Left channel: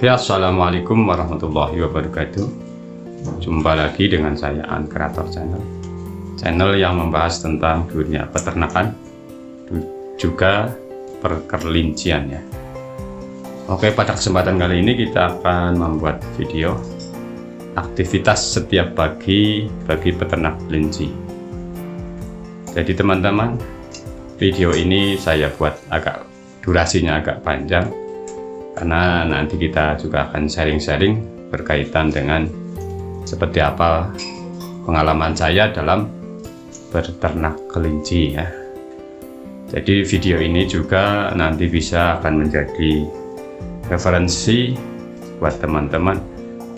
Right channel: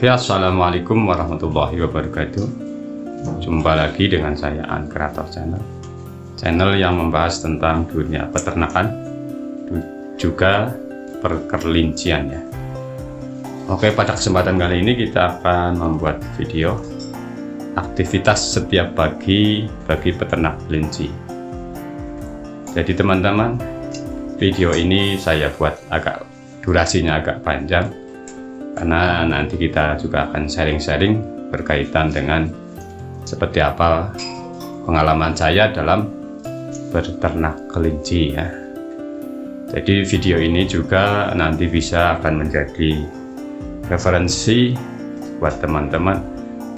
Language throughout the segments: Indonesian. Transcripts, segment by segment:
Oke, assalamualaikum warahmatullahi wabarakatuh. Jumpa lagi dengan saya An Kreator Channel yang membahas tentang dunia peternakan juga perkelincian ya. Oke, pada kesempatan kali ini kita akan membuat video aktivitas setiap pagi bagi peternak kelinci. Jadi teman-teman, video ini saya buat durasinya agak panjang karena nanti kita juga akan sharing-sharing berkaitan dengan seperti apa pengalaman saya dalam beternak kelinci ya. Jadi video ini juga nanti bisa akan menjadi referensi buat teman-teman,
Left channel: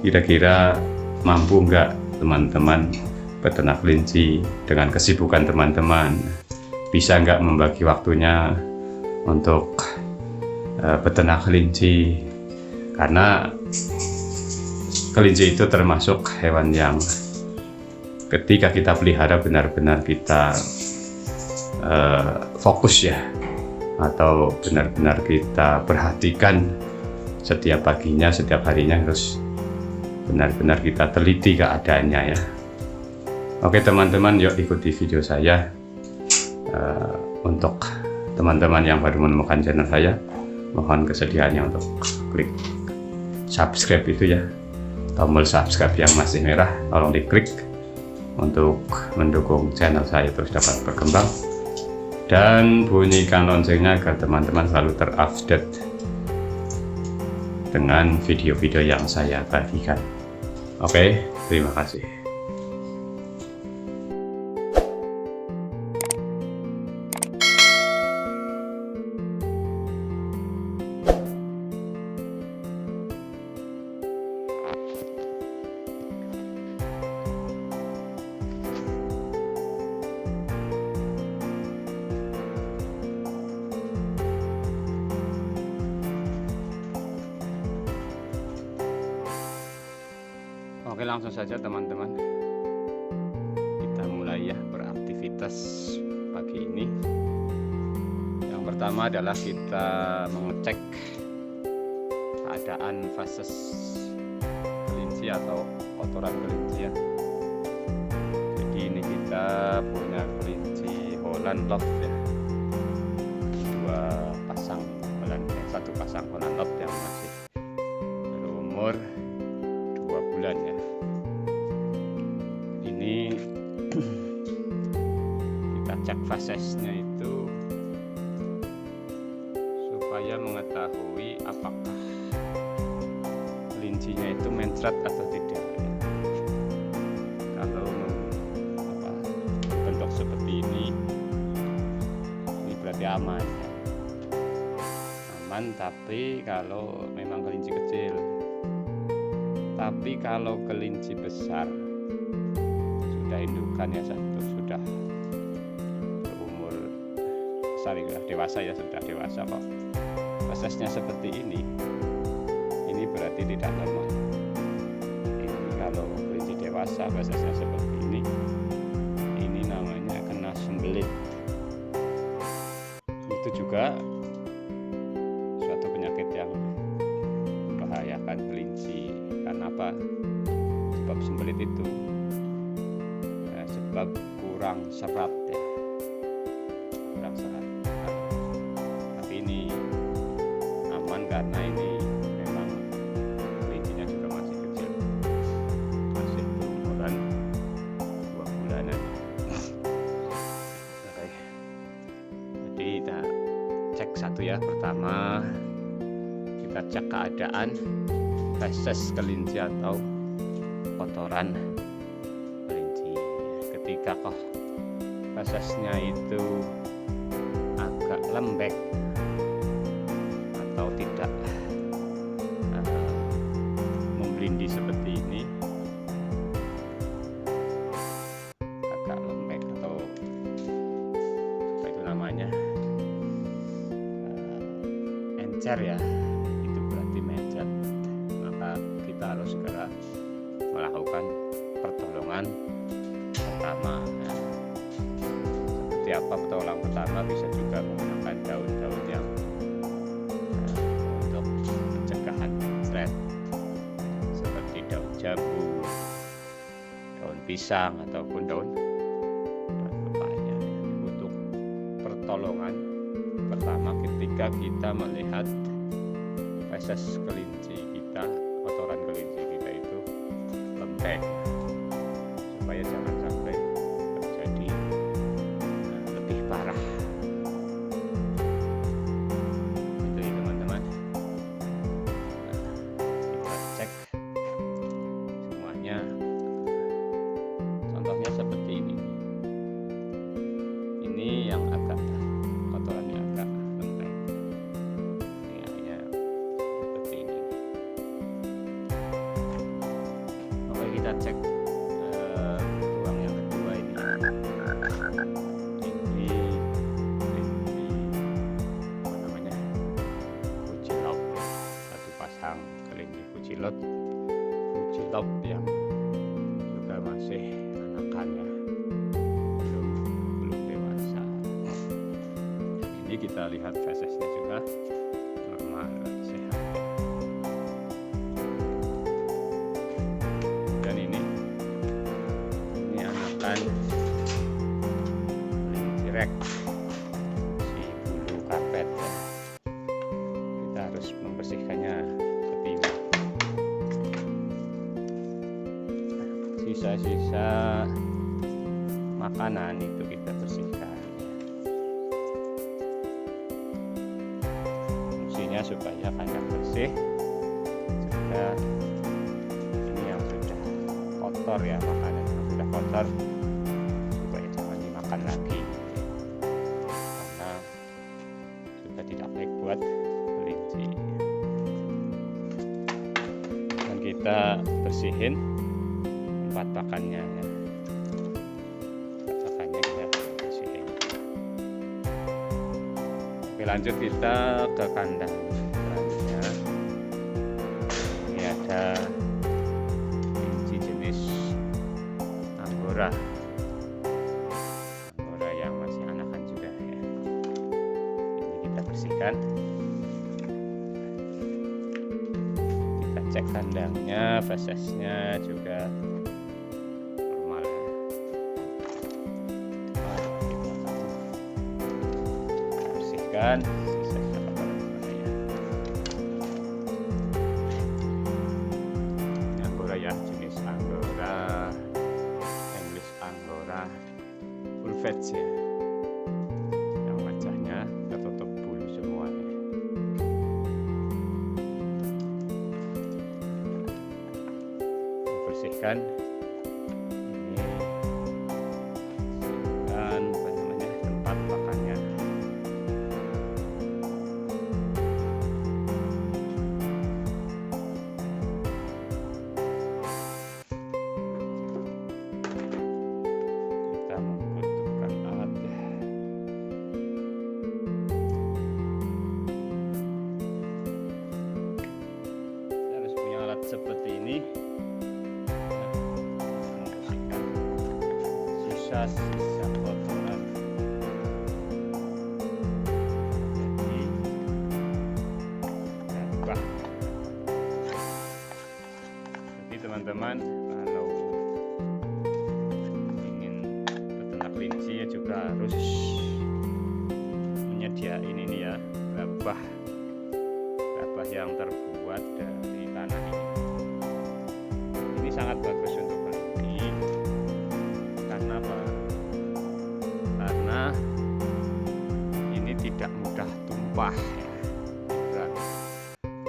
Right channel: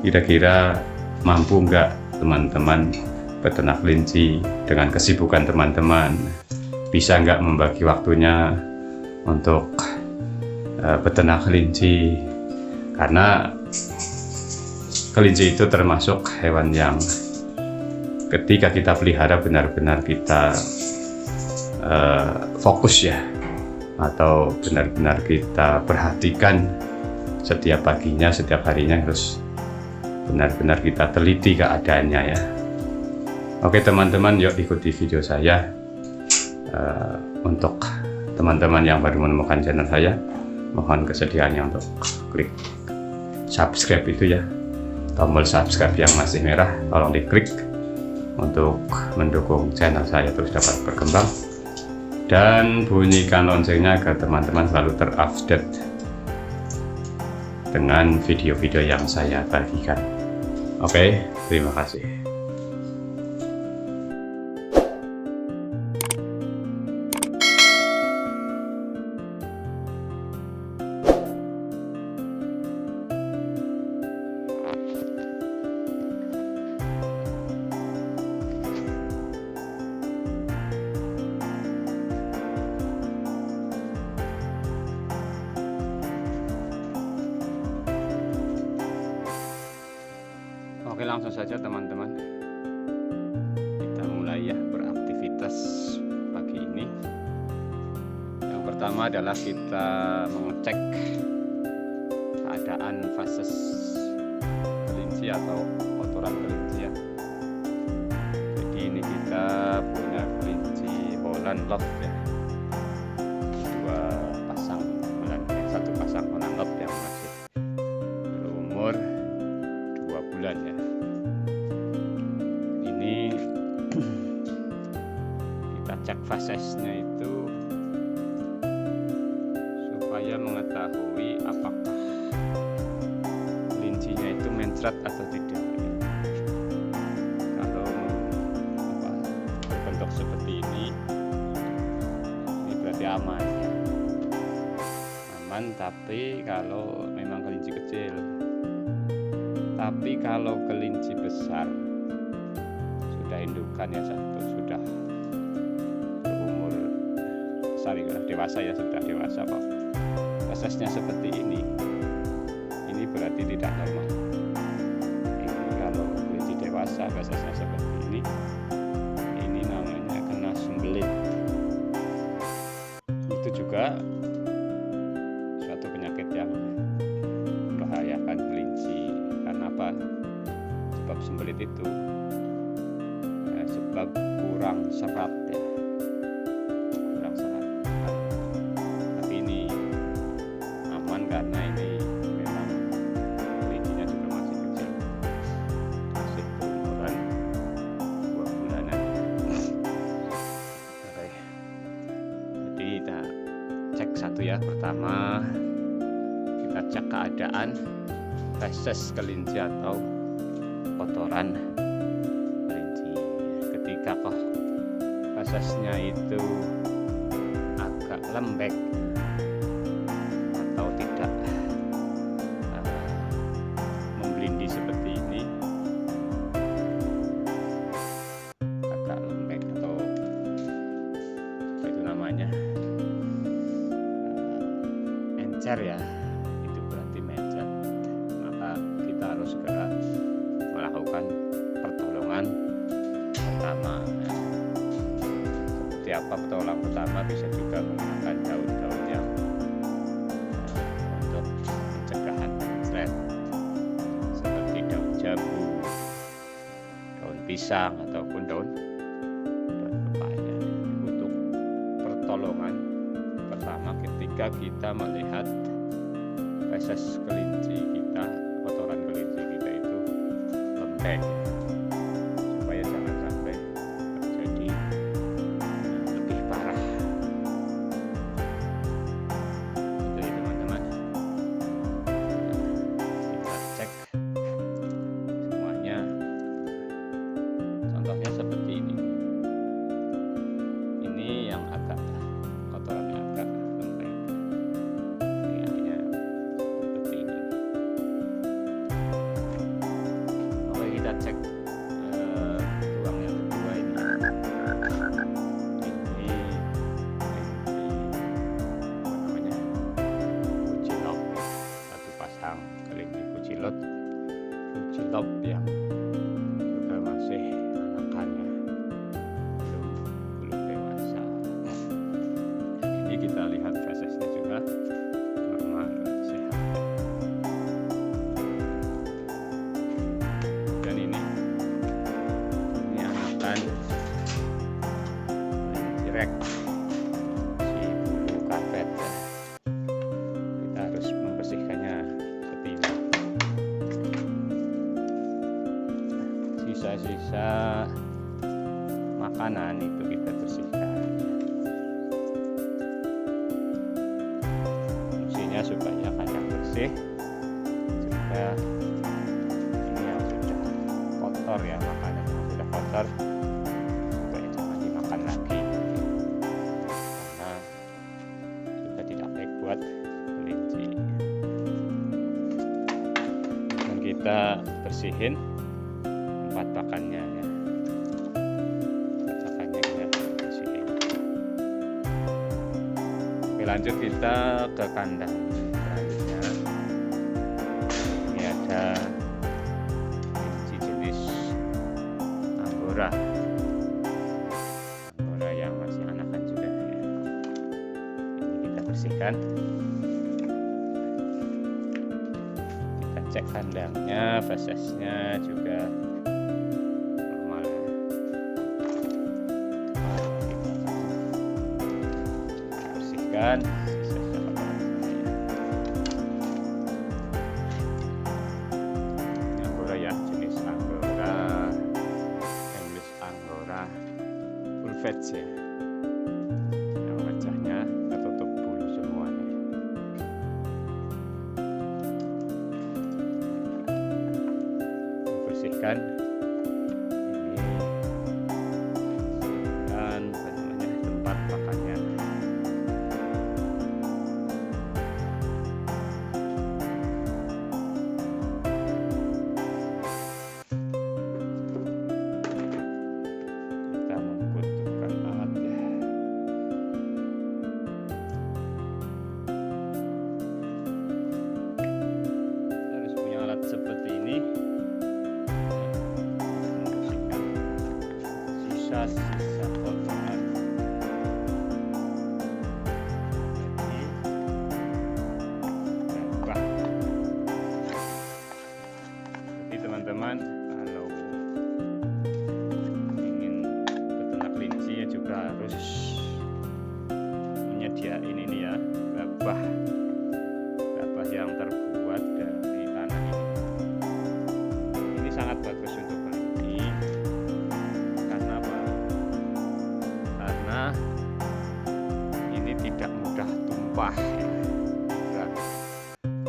kira-kira mampu nggak teman-teman beternak kelinci dengan kesibukan teman-teman, bisa nggak membagi waktunya untuk beternak kelinci, karena kelinci itu termasuk hewan yang ketika kita pelihara benar-benar kita fokus ya, atau benar-benar kita perhatikan setiap paginya, setiap harinya harus benar-benar kita teliti keadaannya ya. Oke teman-teman, yuk ikuti video saya. Untuk teman-teman yang baru menemukan channel saya, mohon kesediaannya untuk klik subscribe itu ya, tombol subscribe yang masih merah tolong diklik untuk mendukung channel saya terus dapat berkembang, dan bunyikan loncengnya agar teman-teman selalu terupdate dengan video-video yang saya bagikan. Oke, terima kasih. Oke, langsung saja teman-teman, kita mulai ya beraktivitas pagi ini. Yang pertama adalah kita mengecek keadaan fases kelinci atau kotoran kelinci ya. Jadi ini kita punya kelinci Holland Love ya, satu pasang Holland Love yang masih berumur 2 bulan ya. Ini kita cek fasesnya itu supaya mengetahui apakah kelincinya itu mencret atau tidak ya. Kalau berbentuk seperti ini berarti aman ya. Aman, tapi kalau memang kelinci kecil. Tapi kalau kelinci besar sudah indukan ya, sudah berumur besar ya, sudah dewasa kok prosesnya seperti ini berarti tidak normal. Ini kalau kelinci dewasa prosesnya seperti ini namanya kena sembelit. Itu juga suatu penyakit yang membahayakan kelinci. Karena apa? Sebab sembelit itu sebab kurang serat ya, kurang serat. Tapi ini aman karena ini memang kelincinya juga masih kecil, masih berumuran 2 bulanan. Oke, jadi kita cek satu ya. Pertama kita cek keadaan feses kelinci atau kotoran kelinci. Ketika fesesnya itu agak lembek atau tidak memblindi seperti ini, agak lembek atau apa itu namanya, encer ya, itu berarti mencret. Maka kita harus segera melakukan pertolongan pertama. Seperti apa pertolongan pertama? Bisa juga menggunakan daun-daun yang untuk pencegahan mencret. jambu, daun pisang ataupun daun pepaya. Untuk pertolongan pertama ketika kita melihat feses kelinci kita, kotoran kelinci kita itu lembek, supaya jangan sampai terjadi lebih parah. Jadi teman-teman, kita cek semuanya. Contohnya seperti ini. Ini yang agak kotorannya agak lembek. Ini akhirnya seperti ini. Oke, kita cek ruang yang kedua ini. Ini kelinci apa namanya? Kucilok, satu pasang kelinci kucilok yang juga masih anakannya, belum dewasa. Ini kita lihat fesesnya juga normal, sehat. Dan ini anakan kelinci rek, si bulu karpet ya. Kita harus membersihkannya seperti ini. Sisa-sisa makanan itu kita bersihkan. Fungsinya supaya kandang bersih, juga ini yang sudah kotor ya, makanan yang sudah kotor supaya jangan dimakan lagi, karena juga tidak baik buat kelinci. Dan kita bersihin tempat pakannya ya. Pakannya kita bersihin. Oke, lanjut kita ke kandang selanjutnya. Ini ada kelinci jenis Angora yang masih anakan juga ya. Ini kita bersihkan. Kita cek kandangnya, fesesnya juga normal ya. Kita bersihkan sisa-sisa kotoran ya. Ini Angora ya, jenis Angora English Angora full fat ya, yang wajahnya tertutup bulu semuanya. Bersihkan ini, bersihkan apa namanya, tempat pakannya. Kita membutuhkan alat ya. Kita harus punya alat seperti ini. Membersihkan sisa-sisa kotoran. Jadi gabah. Jadi teman-teman, kalau ingin beternak kelinci ya juga harus menyediain ini ya, gabah yang terbuat dari tanah ini. Ini sangat bagus untuk kelinci. Karena apa? Karena ini tidak mudah tumpah ya.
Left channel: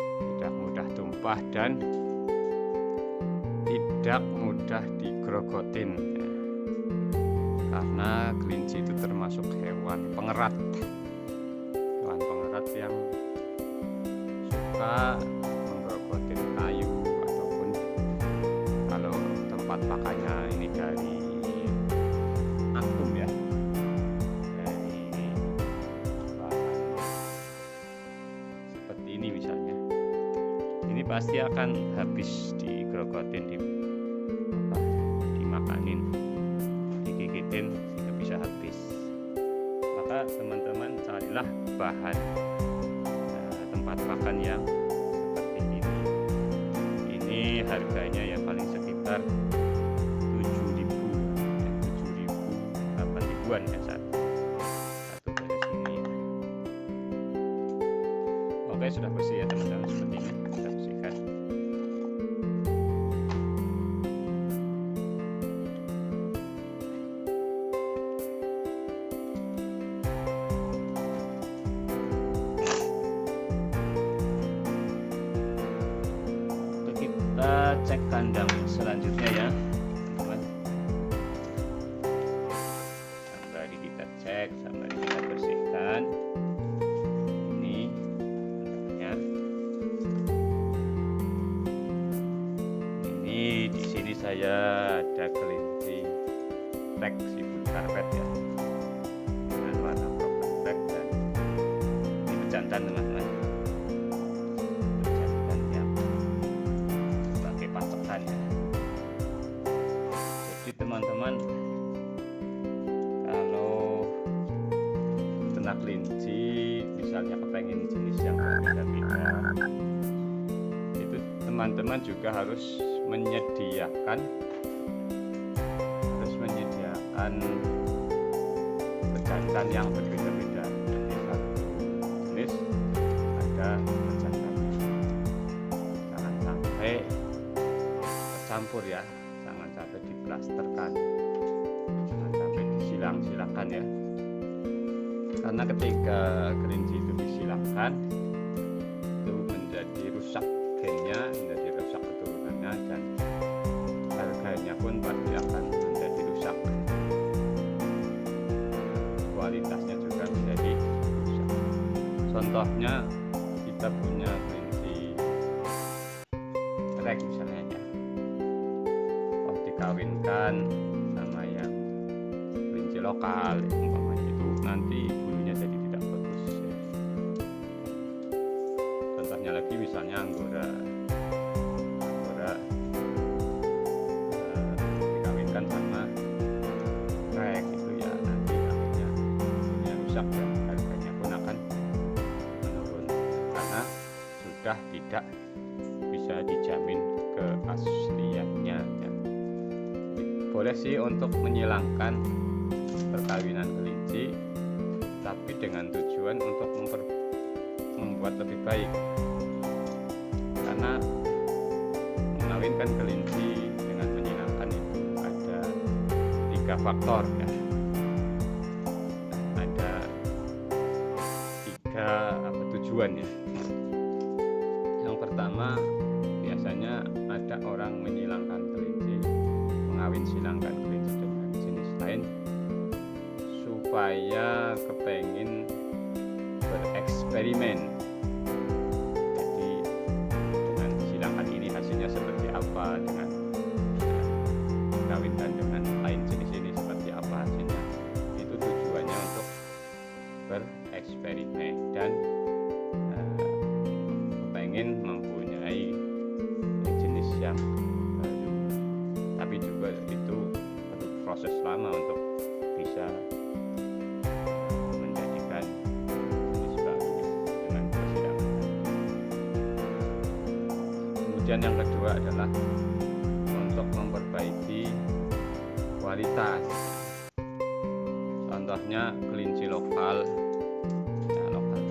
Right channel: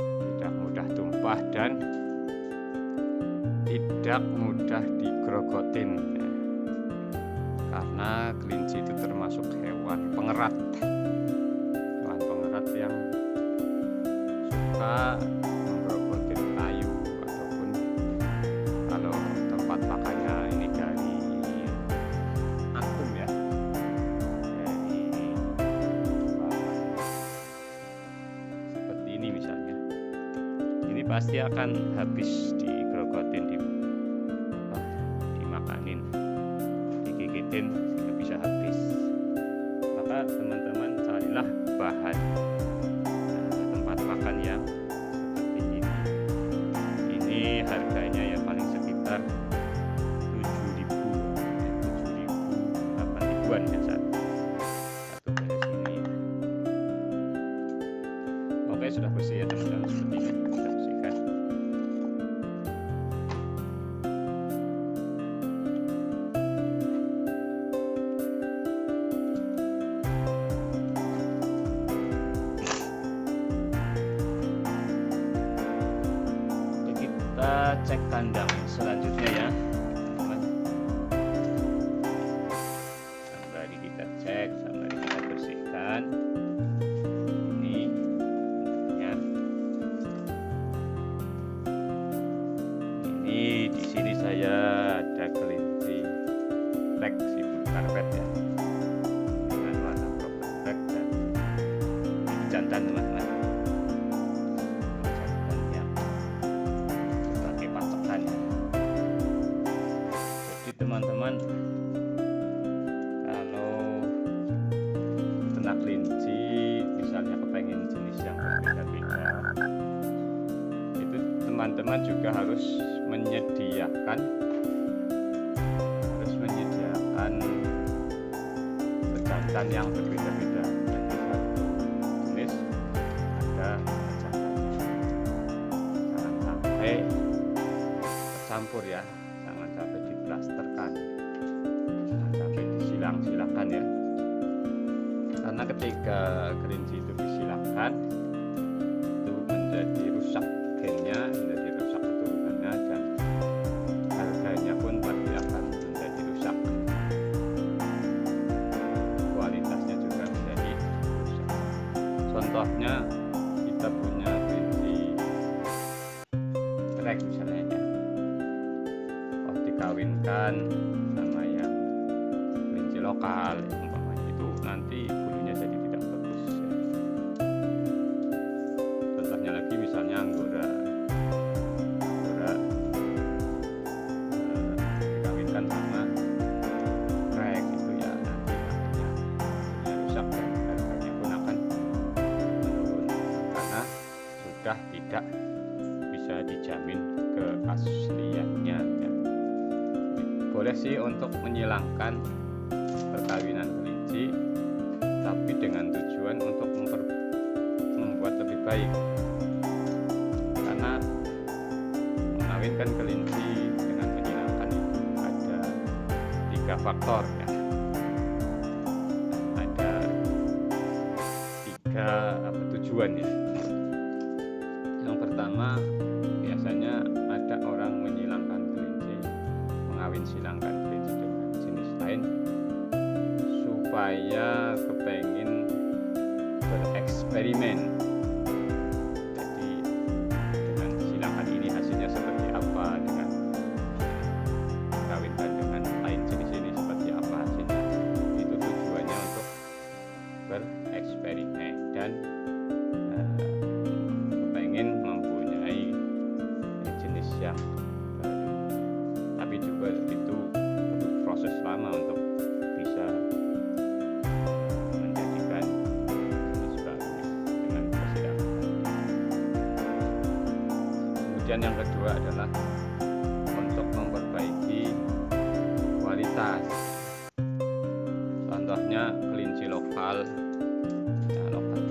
Tidak mudah tumpah dan tidak mudah digrogotin ya. Karena kelinci itu termasuk hewan pengerat yang suka menggrogotin kayu, ataupun kalau tempat pakannya ini dari akum ya, dari bahan seperti ini misalnya, ini pasti akan habis digrogotin, dimakanin, digigitin sehingga bisa habis. Maka teman-teman carilah bahan tempat pakan yang seperti ini. Ini ini harganya ya paling sekitar 7.000 ya, 7.000 8.000-an ya satu beres ini ya. Oke, sudah bersih ya teman-teman, seperti ini kita bersihkan. Kita cek kandang selanjutnya ya teman-teman. Sembari kita cek, sembari kita bersihkan ini kandangnya. Ini di sini saya ada kelinci black sibuk karpet ya, dengan warna proper black, dan ini pejantan teman-teman. Ya. Jadi teman-teman, kalau ternak kelinci misalnya kepengen jenis yang berbeda-beda, itu teman-teman juga harus menyediakan pejantan yang berbeda-beda. Jadi satu jenis ada pejantannya, jangan sampai campur ya, jangan sampai diplasterkan, jangan sampai disilang-silakan ya, karena ketika kelinci itu disilakan itu menjadi rusak gennya, menjadi rusak keturunannya, dan harganya pun pasti akan menjadi rusak, kualitasnya juga menjadi rusak. Contohnya kita punya kelinci trek misalnya ya, dikawinkan sama yang kelinci lokal ya, umpamanya itu nanti bulunya jadi tidak bagus ya. Contohnya lagi misalnya Anggora dikawinkan sama trek, itu ya nanti akhirnya bulunya rusak dan harganya pun akan menurun karena sudah tidak bisa dijamin keasliannya ya. Boleh sih untuk menyilangkan perkawinan kelinci, tapi dengan tujuan untuk membuat lebih baik, karena mengawinkan kelinci dengan menyilangkan itu ada 3 faktor ya, ada 3 tujuan ya. Yang pertama, biasanya ada orang menyilangkan kelinci, mengawin silangkan kelinci dengan jenis lain supaya kepengin bereksperimen. Jadi dengan silangkan ini hasilnya seperti apa, dengan kawinkan dengan lain jenis ini seperti apa hasilnya. Itu tujuannya untuk bereksperimen dan kepengin mempunyai jenis yang baru. Tapi juga itu perlu proses lama untuk bisa menjadikan jenis baru dengan persidangan tadi. Kemudian yang kedua adalah untuk memperbaiki kualitas. Contohnya kelinci lokal ya, lokal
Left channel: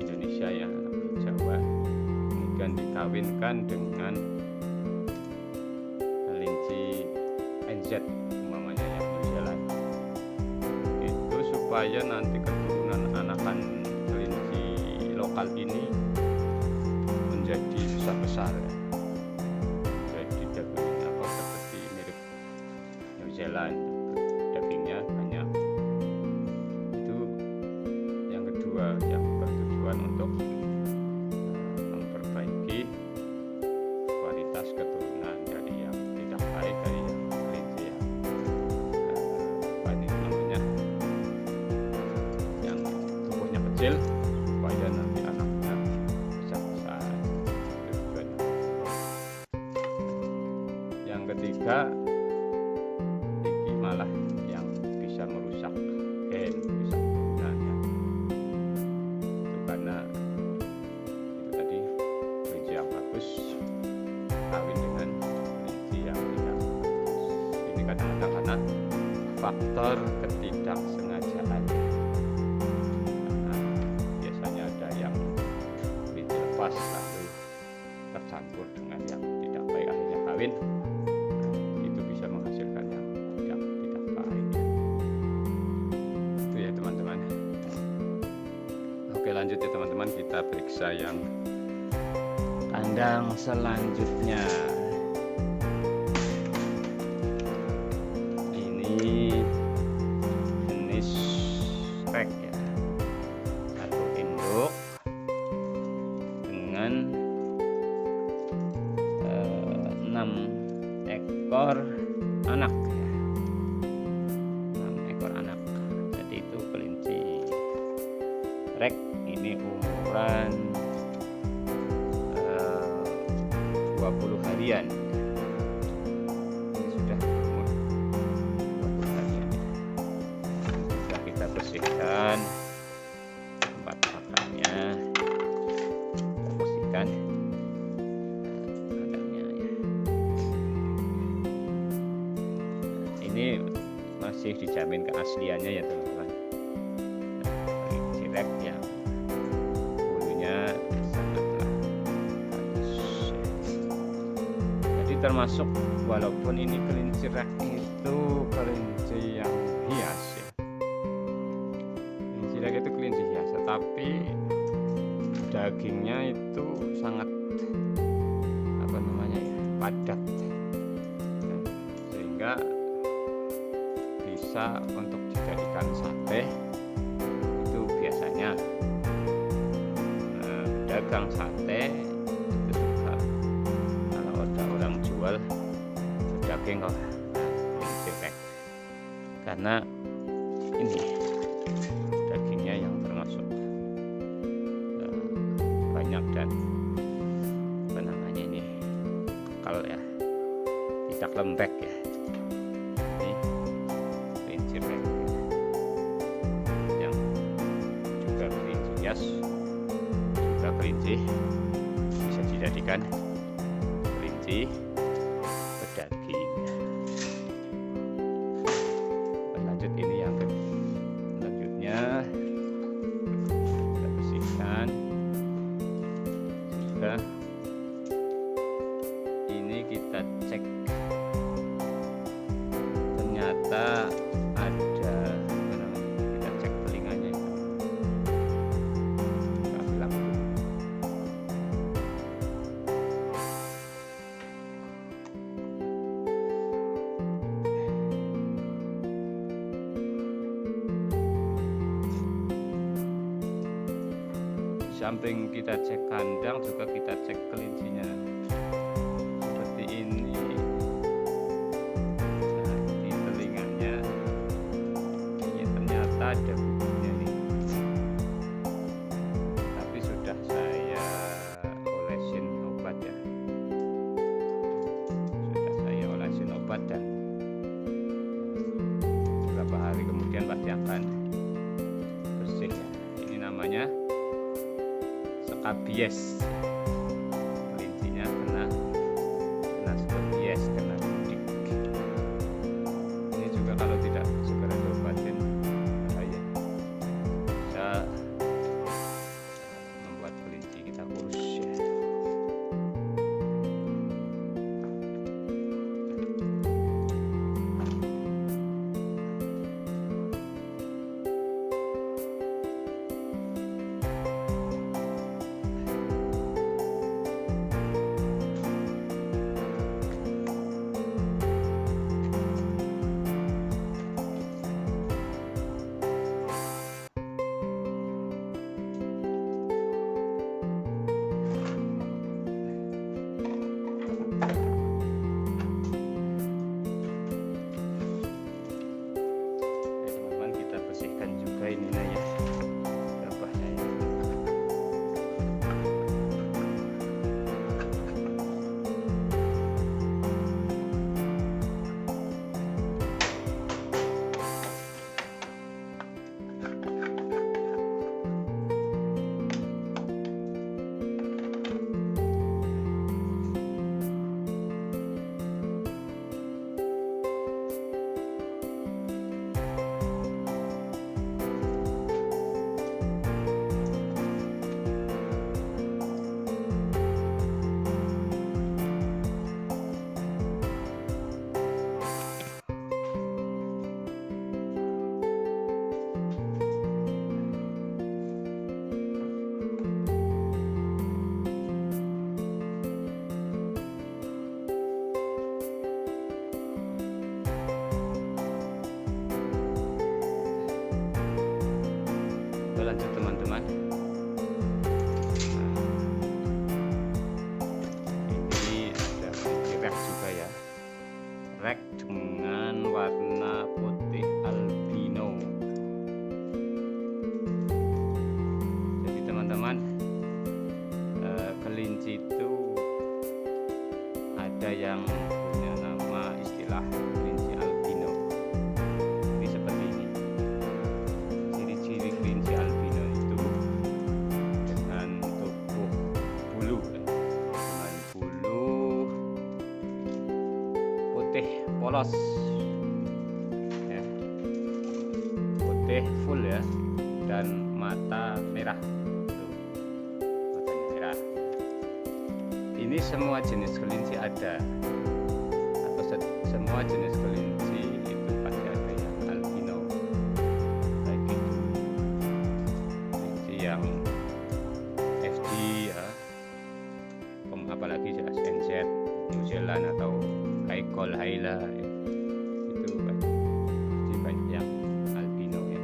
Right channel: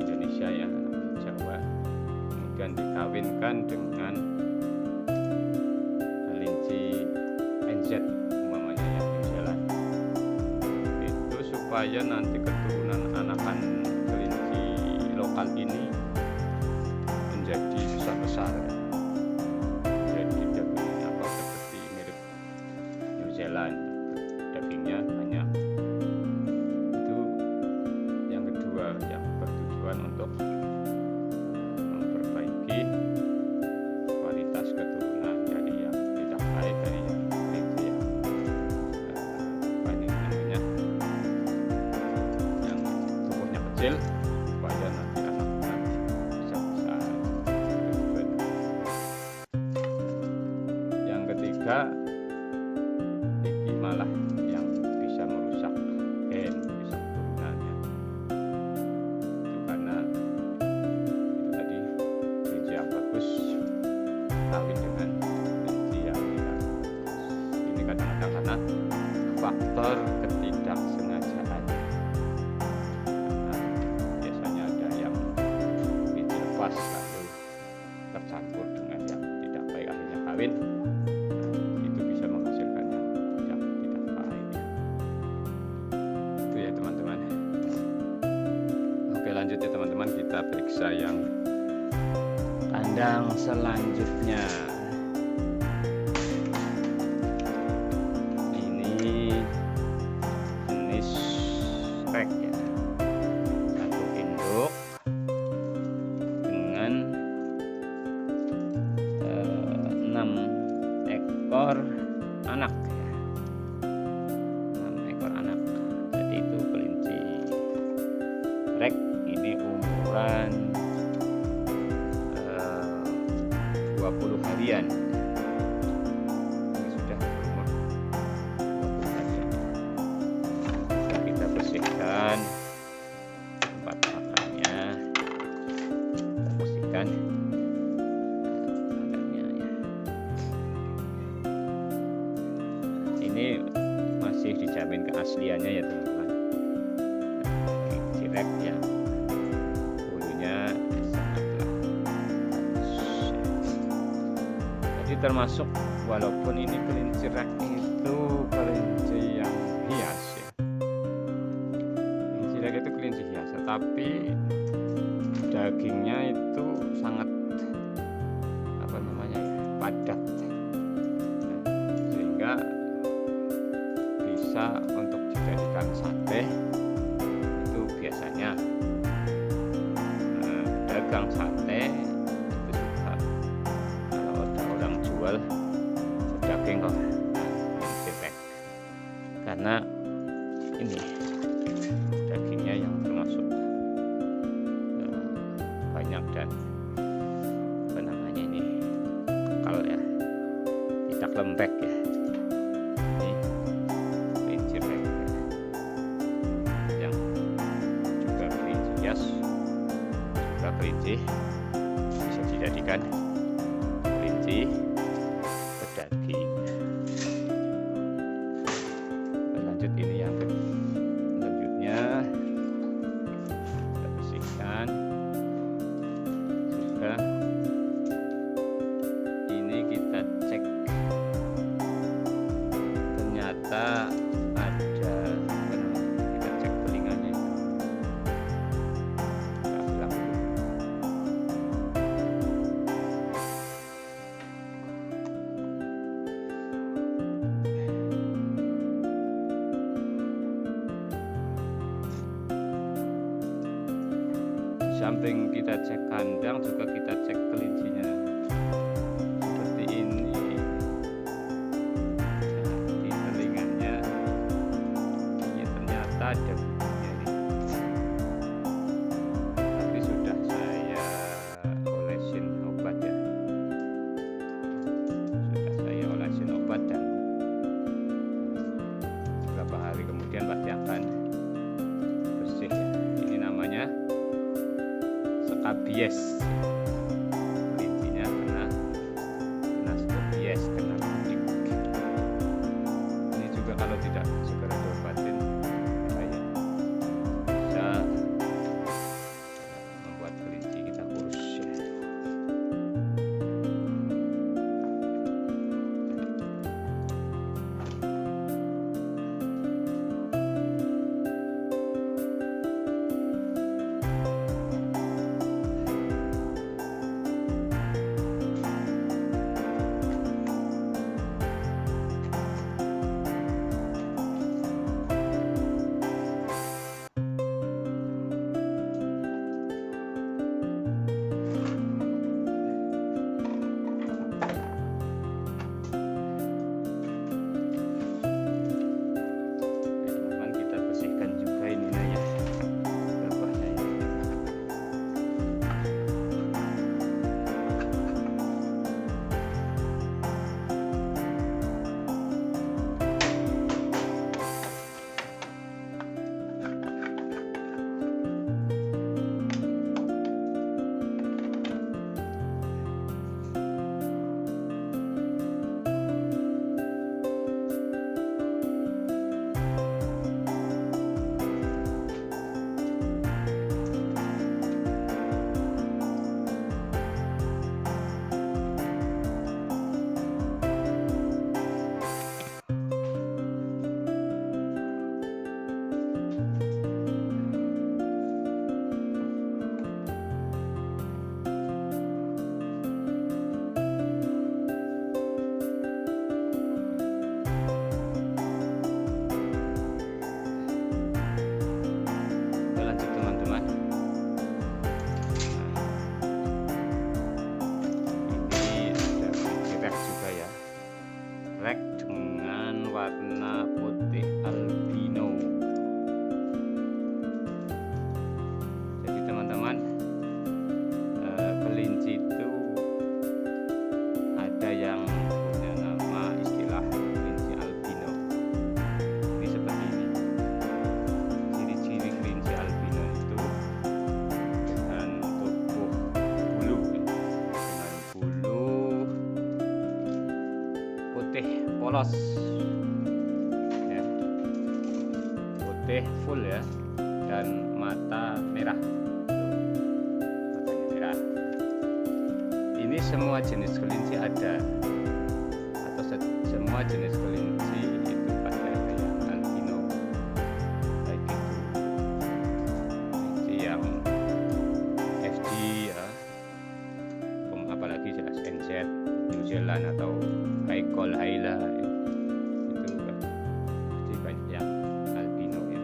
Indonesia ya, Jawa, kemudian dikawinkan dengan kelinci NZ umpamanya ya, New Zealand, itu supaya nanti keturunan anakan kelinci lokal ini menjadi besar-besar ya. Jadi dagingnya seperti mirip New Zealand, dagingnya banyak. Itu yang kedua yang bertujuan untuk memperbaiki kualitas keturunan dari yang tidak baik, dari yang kelinci yang banyak namanya yang tubuhnya kecil, supaya nanti anaknya besar-besar. Tujuannya. Yang ketiga, ini malah yang bisa merusak gen, merusak keturunannya. Itu karena itu tadi kelinci yang bagus kawin dengan kelinci yang tidak bagus. Ini kadang-kadang karena faktor ketidaksengajaan. Karena biasanya ada yang kelinci lepas lalu tercampur dengan yang tidak baik, akhirnya kawin. Itu bisa menghasilkan yang tidak baik. Itu ya teman-teman. Oke, lanjut ya teman-teman, kita periksa yang kandang selanjutnya. Ini jenis rek ya, satu induk dengan 6 ekor anak ya, 6 ekor anak. Jadi itu kelinci rek ini umuran 20 harian. Ini sudah berumur 20 harian. Sudah kita bersihkan tempat makannya, kita bersihkan kandangnya ya. Ini masih dijamin keasliannya ya teman-teman. Kelinci rek yang bulunya sangatlah halus ya. Jadi termasuk, walaupun ini kelinci rek itu kelinci yang hias ya. Kelinci rek itu kelinci hias, tapi dagingnya itu sangat padat, sehingga bisa untuk dijadikan sate. Itu biasanya pedagang sate itu suka kalau ada orang jual daging kok kelinci rek, karena ini dagingnya yang termasuk banyak dan ini kalau ya tidak lembek ya. Ini kelinci rek ya, yang juga kelinci hias, juga kelinci bisa dijadikan kelinci pedaging. Berlanjut, ini yang selanjutnya kita bersihkan juga. Ini kita cek, ternyata ada kita cek telinganya itu. Kita bilang dulu. Di samping kita cek kandang, juga kita cek kelincinya. Ada bulunya ini, tapi sudah saya olesin obat ya, dan beberapa hari kemudian pasti akan bersih ya. Ini namanya skabies, kelincinya kena skabies, kena kudik. Ini juga kalau tidak segera diobatin bisa membuat kelinci kita kurus ya. kelinci itu ada yang punya nama istilah kelinci albino. Ini seperti ini. Ciri-ciri kelinci albino itu dengan tubuh bulu dengan bulu putih polos ya, putih full ya, dan mata merah. Matanya merah. Ini semua jenis kelinci ada, atau semua jenis kelinci itu pasti ada yang albino, baik itu kelinci yang FG ya, apalagi jelas NZ, New Zealand atau Kaikol Haila ya, itu pasti banyak yang albino ya.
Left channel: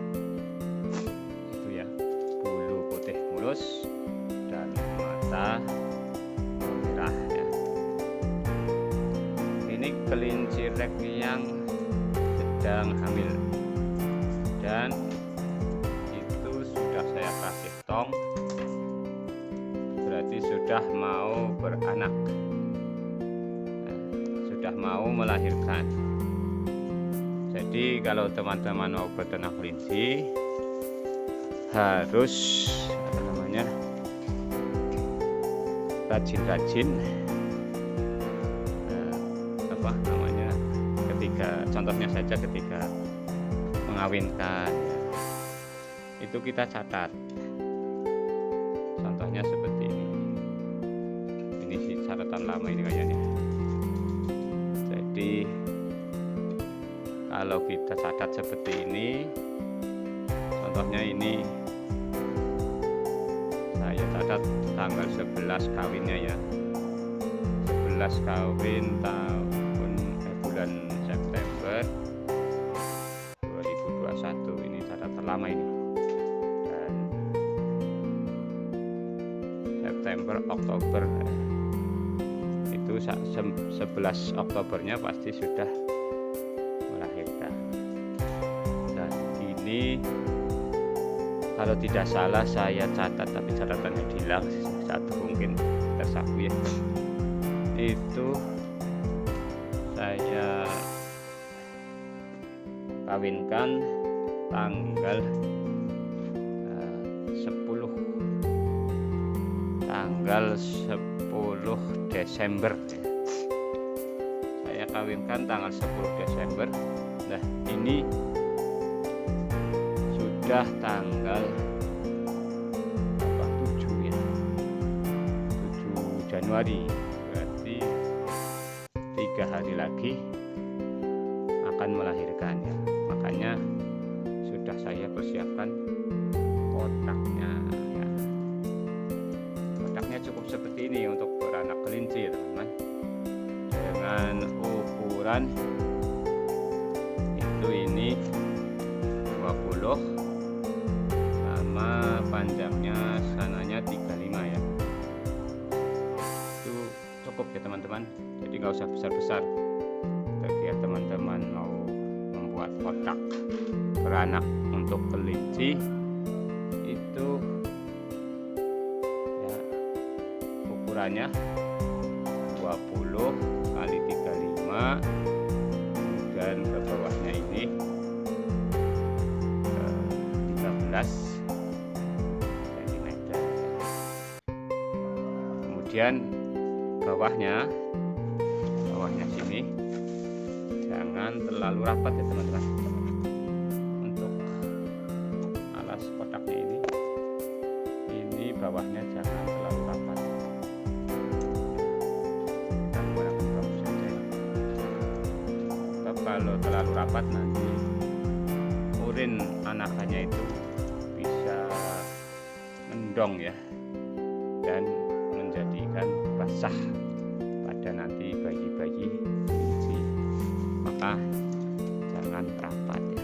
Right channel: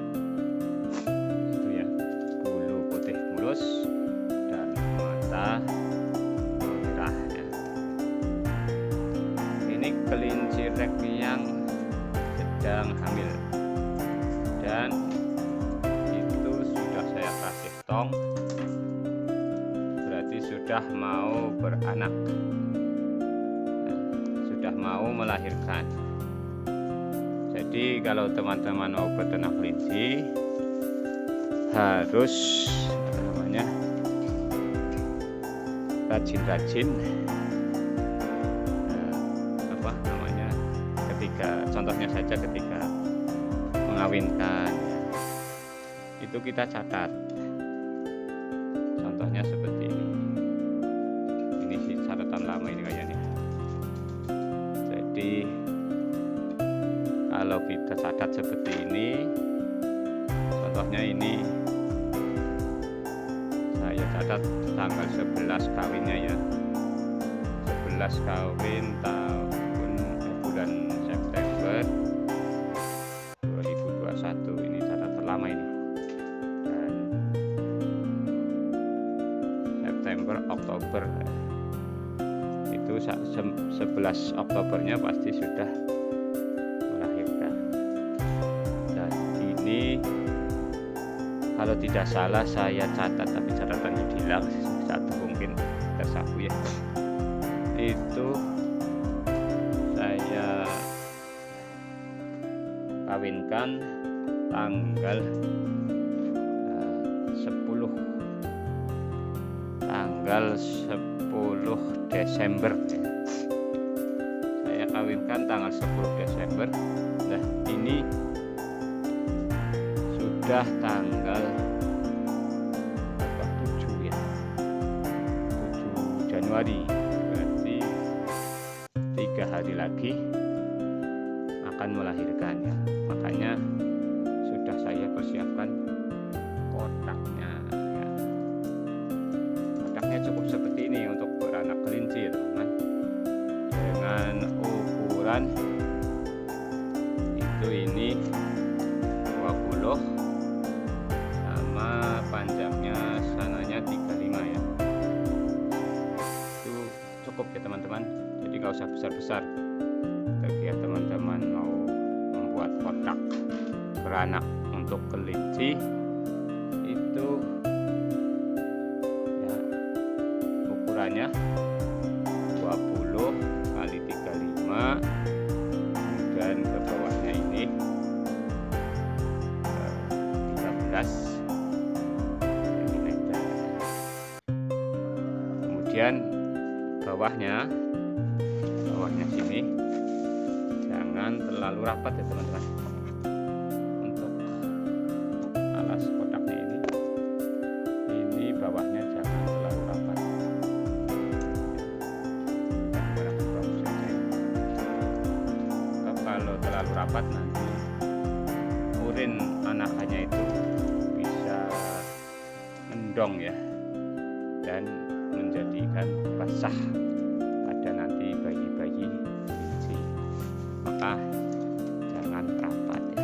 Itu ya, bulu putih mulus dan mata merah ya. Ini kelinci rek yang sedang hamil dan itu sudah saya kasih tong, berarti sudah mau beranak, sudah mau melahirkan. Jadi kalau teman-teman mau beternak kelinci harus rajin-rajin ketika, contohnya saja ketika mengawinkan ya, itu kita catat. Contohnya seperti ini sih catatan lama ini kayaknya. Jadi kalau kita catat seperti ini, contohnya ini saya catat tanggal 11 kawinnya ya, 11 kawin bulan September 2021. Ini catatan lama ini, dan September Oktober itu 11 Oktobernya pasti sudah melahirkan. Dan ini kalau tidak salah saya catat, tapi catatannya hilang satu, mungkin tersapu ya. Itu saya kawinkan tanggal 10 Desember ya. Saya kawinkan tanggal 10 Desember. Nah, ini sudah tanggal 7 ya, 7 Januari, berarti 3 hari lagi akan melahirkan ya. Makanya sudah saya persiapkan kotaknya ya. Kotaknya cukup seperti ini untuk beranak kelinci ya teman-teman, dengan ukuran itu ini 20 sama panjangnya sananya 35 ya. Itu cukup ya teman-teman, jadi nggak usah besar-besar. Bagi ya teman-teman mau membuat kotak beranak untuk kelinci, itu ya ukurannya 20 kali 35, kemudian ke bawahnya ini 13 cm. Kemudian bawahnya sini jangan terlalu rapat ya teman-teman. Untuk alas kotaknya ini bawahnya jangan terlalu rapat. Kita menggunakan bambu saja ya. Kalau terlalu rapat nanti urin anakannya itu bisa mendong ya, dan menjadikan basah pada nanti bayi-bayi kelinci. Maka jangan rapat ya.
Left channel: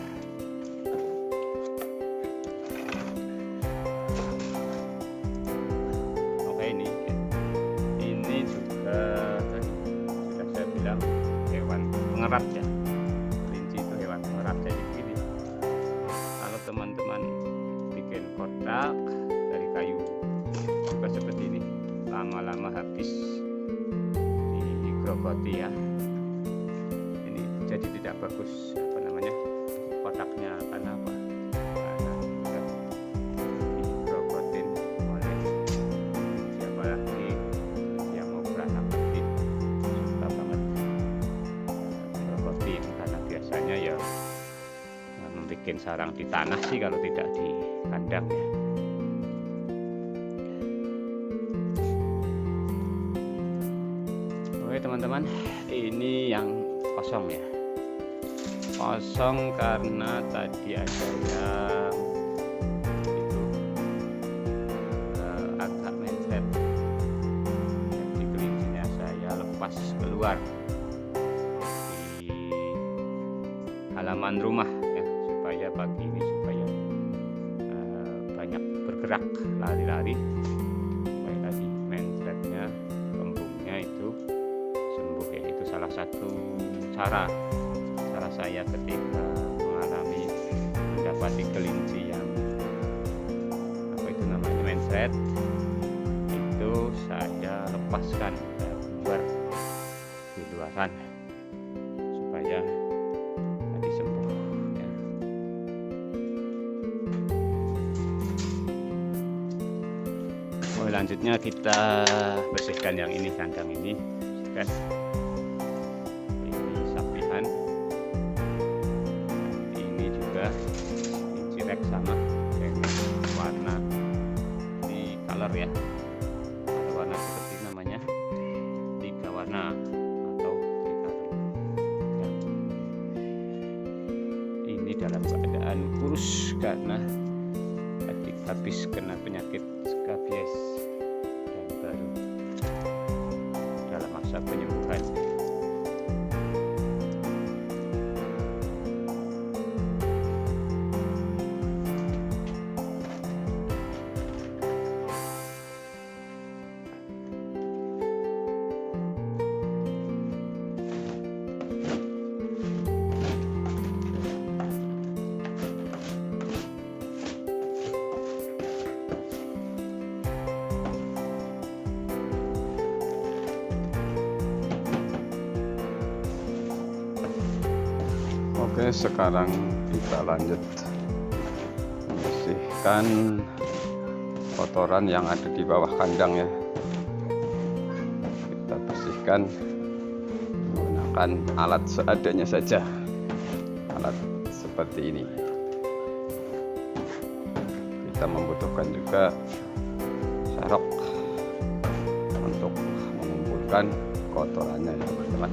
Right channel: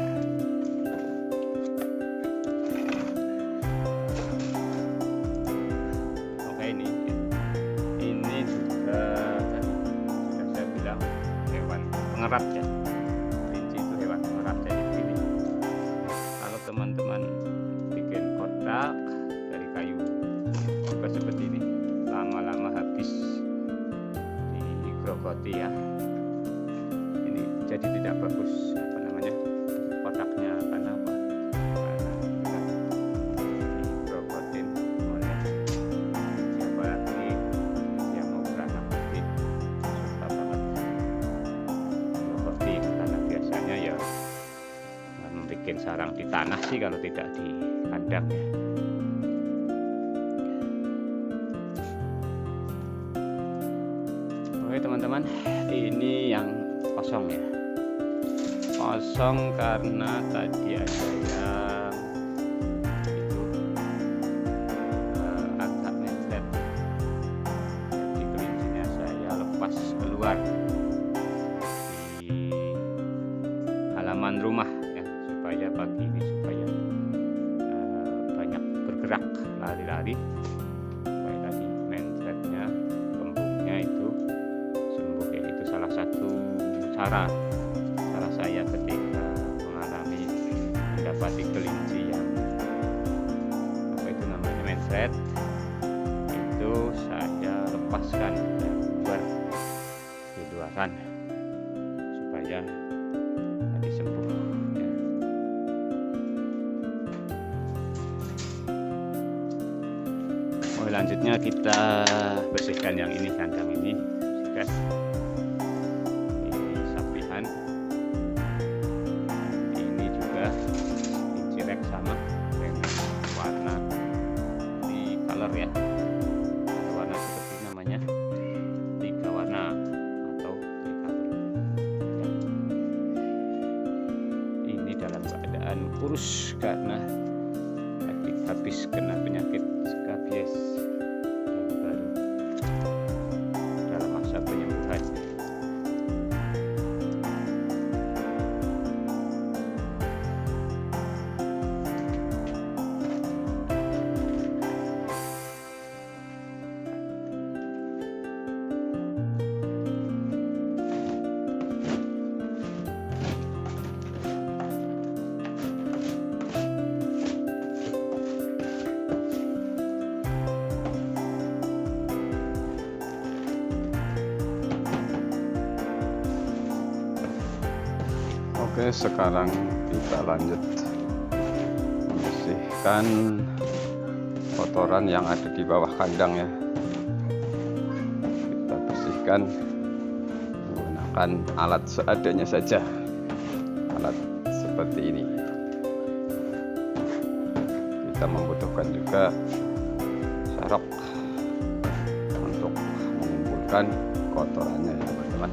Oke, ini juga tadi sudah saya bilang hewan pengerat ya. Kelinci itu hewan pengerat. Jadi begini, kalau teman-teman bikin kotak dari kayu juga seperti ini, lama-lama habis digrogoti ya. Ini jadi tidak bagus kotaknya, karena apa? Karena sudah digrogotin oleh siapa lagi yang mau beranak nanti, suka banget grogotin, karena biasanya ya membuat sarang di tanah sih kalau tidak di kandang ya. Oke teman-teman, ini yang kosong ya. Kosong karena tadi ada yang itu agak mencret, jadi kelincinya saya lepas keluar di halaman rumah ya, supaya pagi ini supaya banyak bergerak, lari-lari, supaya tadi mencretnya, kembungnya itu sembuh ya. Itu salah satu cara saya ketika mendapati kelinci yang mencret, itu saya lepaskan, saya keluar di luaran supaya tadi sembuh ya. Selanjutnya kita bersihkan yang ini, kandang ini bersihkan. Ini sapihan, kelinci Rex sama dengan warna di color ya, ada warna seperti namanya 3 warna atau tricolor ya. Ini dalam keadaan kurus karena tadi habis kena penyakit skabies dan baru dalam masa penyembuhan. Oke, sekarang kita lanjut membersihkan kotoran yang ada di bawah kandang ya. Kita bersihkan menggunakan alat seadanya saja, alat seperti ini. Kita membutuhkan juga sarok untuk mengumpulkan kotorannya ya teman-teman.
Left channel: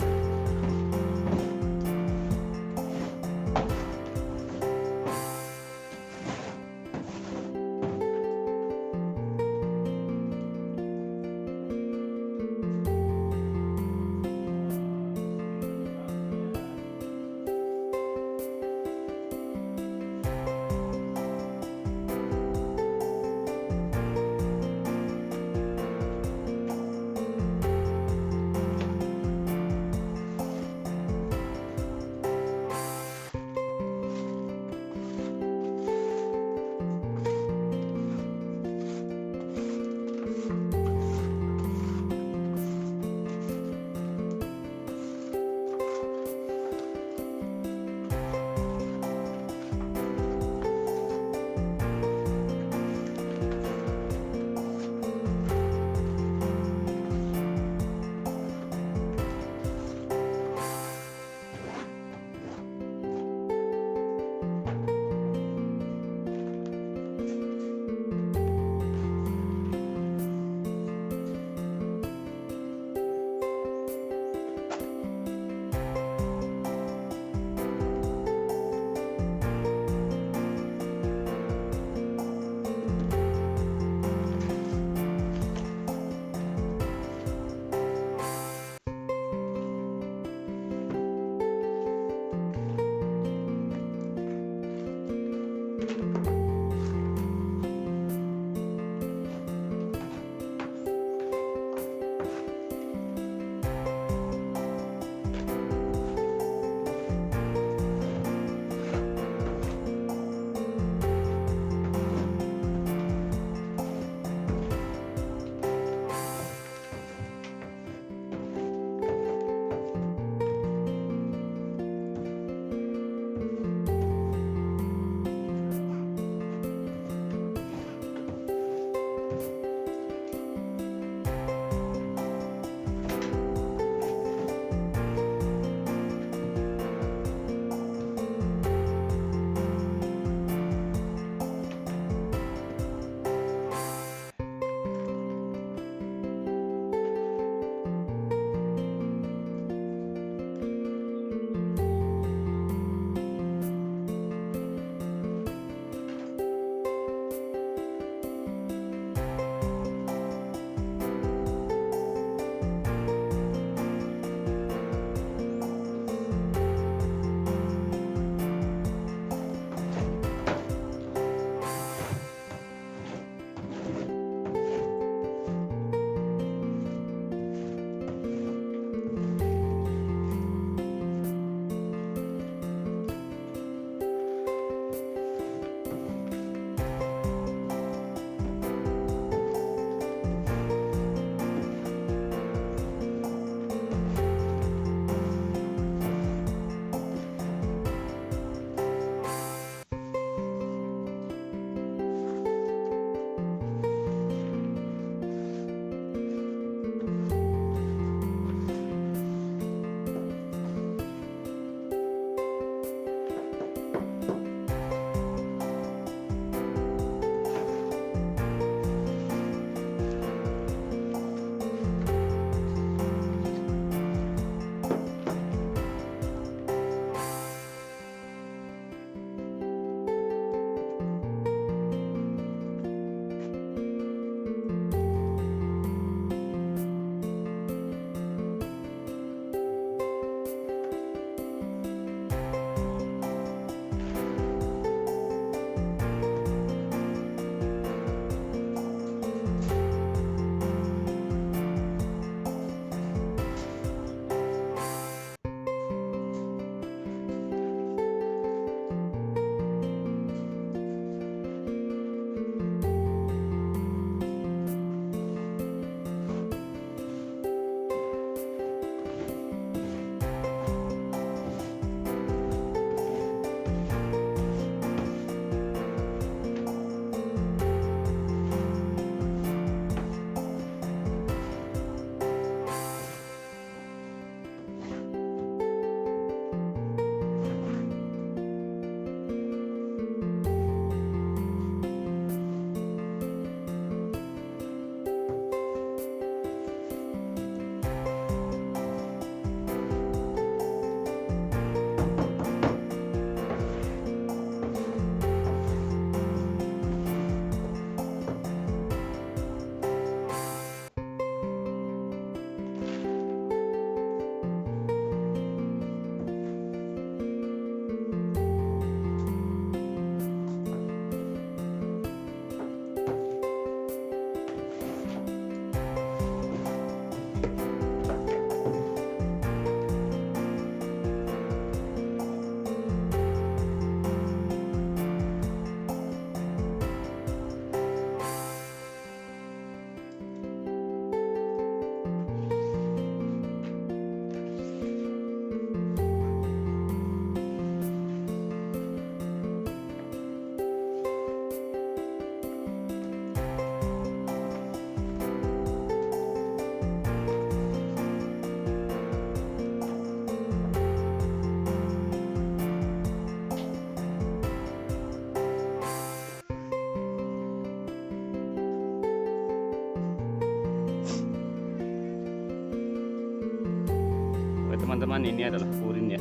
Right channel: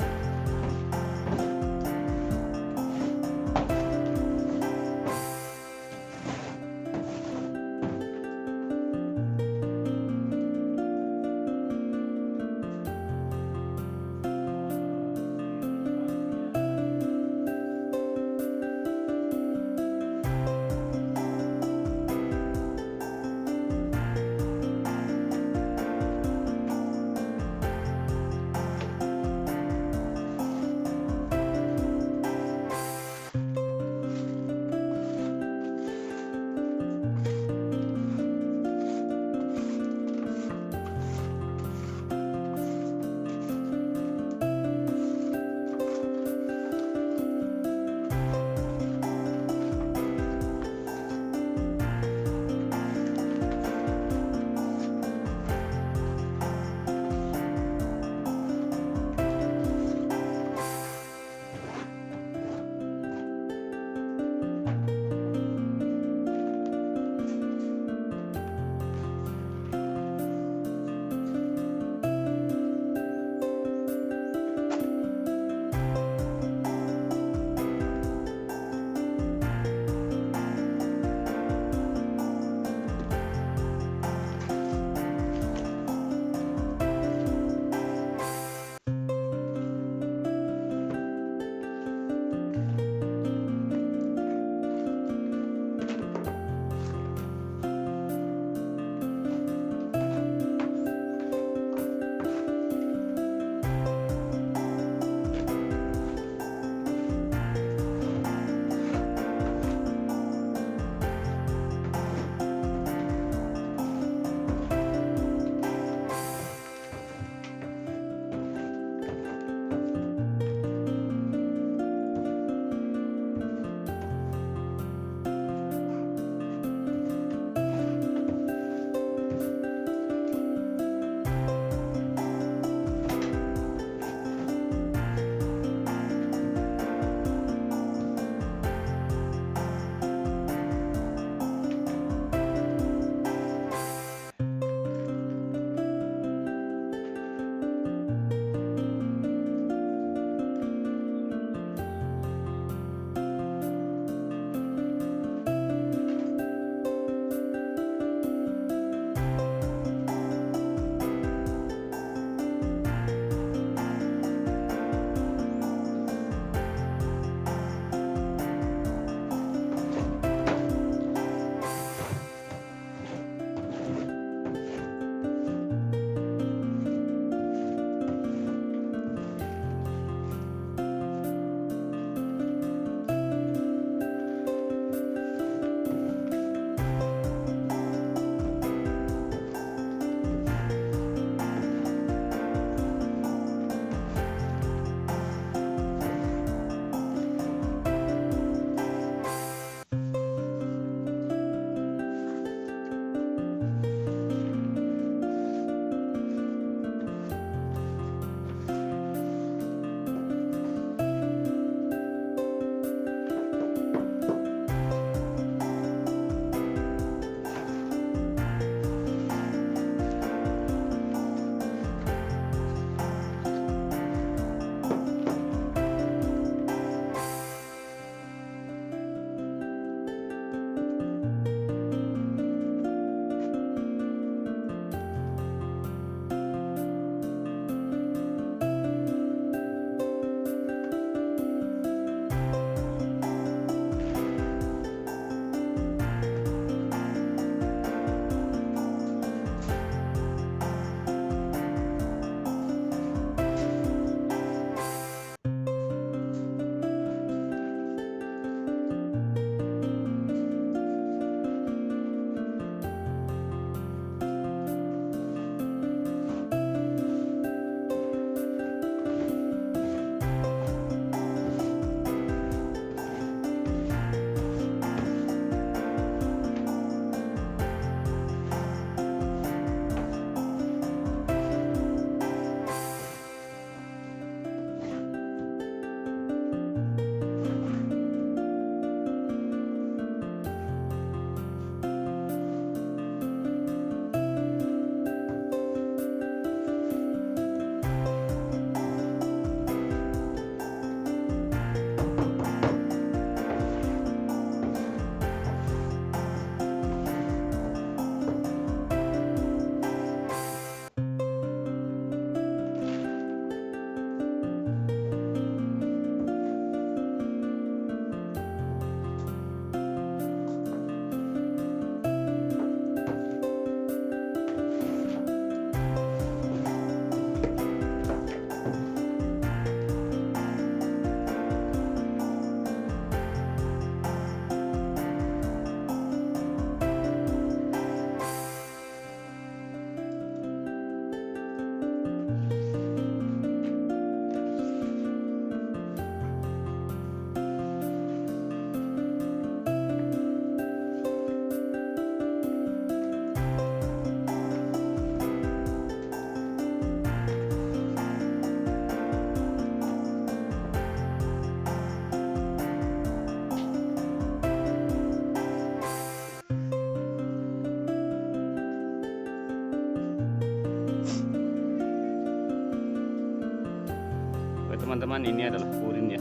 Oke teman-teman, ini adalah urin ya,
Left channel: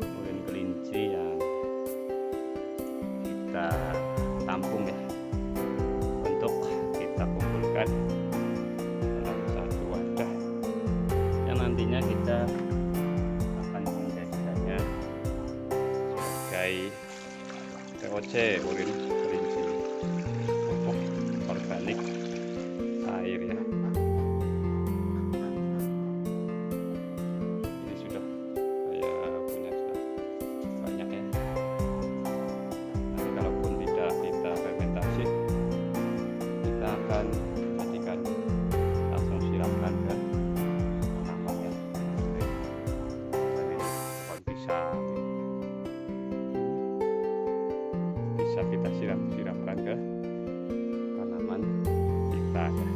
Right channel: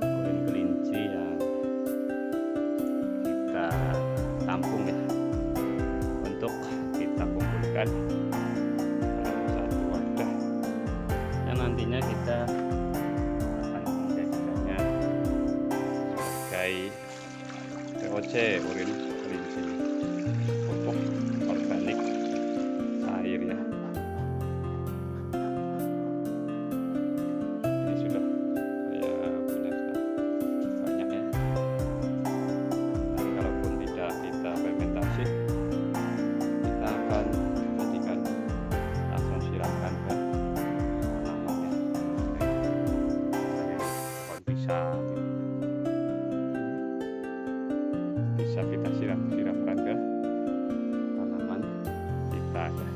urin kelinci yang kita tampung ya, untuk kita kumpulkan dalam satu wadah yang nantinya kita akan menjadikannya sebagai POC, urin kelinci pupuk organik air ya. Ini sudah saya punya banyak ya. Nanti kalaupun tidak kita fermentasi, kita akan jadikan langsung siramkan ke tanamannya. Pohon pisang bisa kita siramkan ke tanaman kita ya.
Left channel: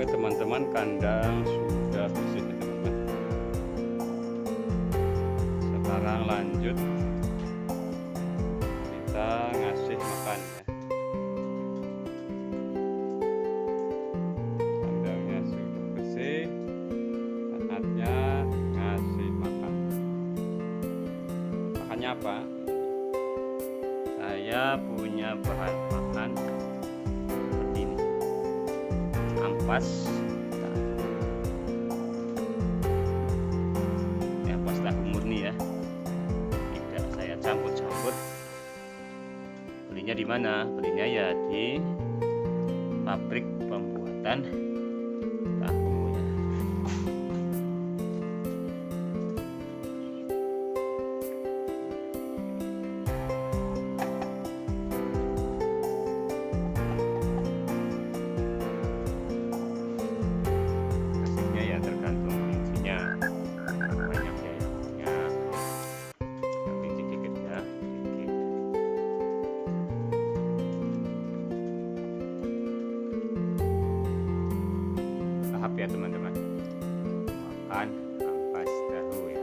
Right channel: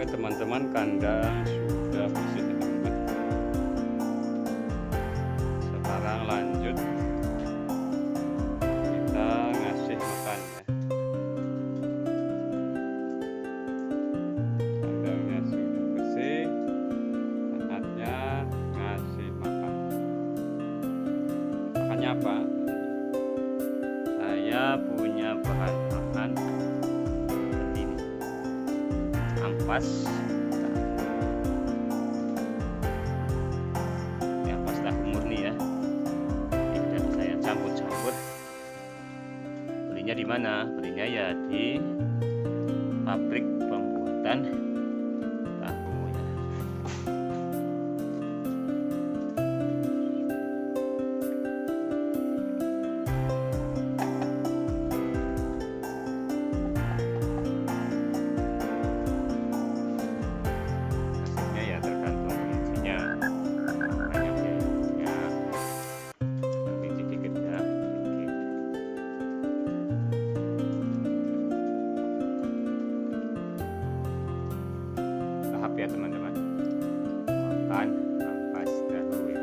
Oke teman-teman, kandang sudah bersih ya, teman-teman. Sekarang lanjut kita ngasih makan ya. Kandangnya sudah bersih, saatnya ngasih makan. Makannya apa? Saya punya bahan makan seperti ini, ampas tahu murni ya, tidak saya campur-campur. Belinya di mana? Belinya ya di pabrik pembuatan tahu ya. Hasilnya ya tergantung isinya. Banyak biayanya, tapi sedikit ya, sedikit. Tahap ya teman-teman, makan ampas tahu ya.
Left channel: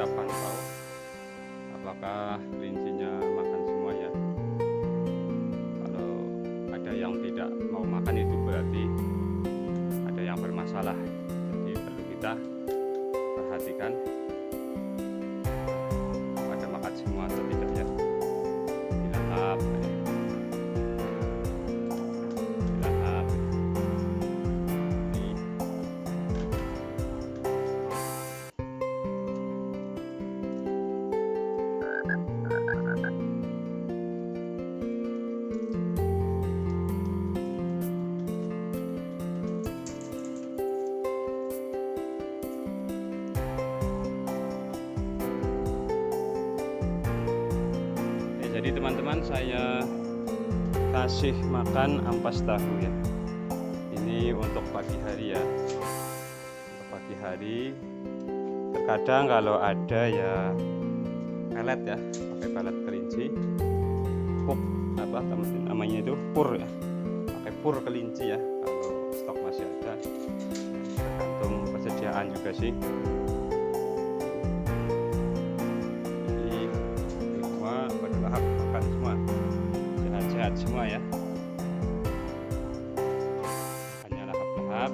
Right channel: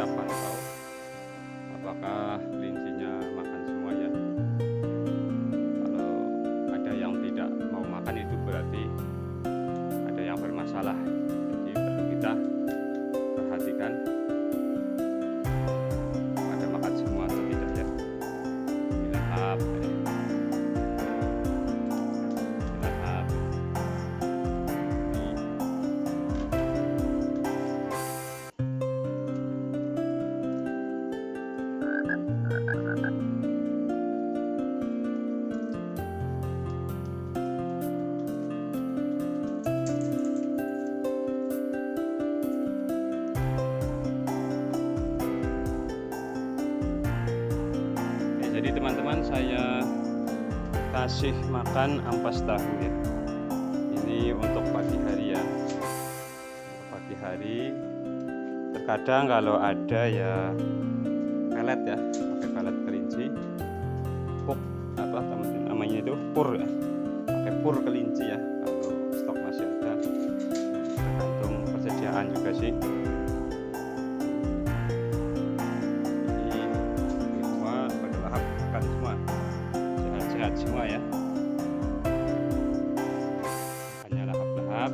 kita pantau apakah kelincinya makan semua ya. Kalau ada yang tidak mau makan itu berarti ada yang bermasalah, jadi perlu kita perhatikan pada makan semua atau tidak ya. Dilahap ya. Dilahap ini. Jadi teman-teman, saya kasih makan ampas tahu ya. Ini untuk pagi hari ya. Untuk pagi hari. Terkadang kalau ada ya pelet ya, pakai pelet kelinci. Puk apa namanya itu, pur ya. Pakai pur kelinci ya. Kalau stok masih ada. Tergantung persediaan juga sih. Makan semua, sehat-sehat semua ya. Makannya lahap-lahap.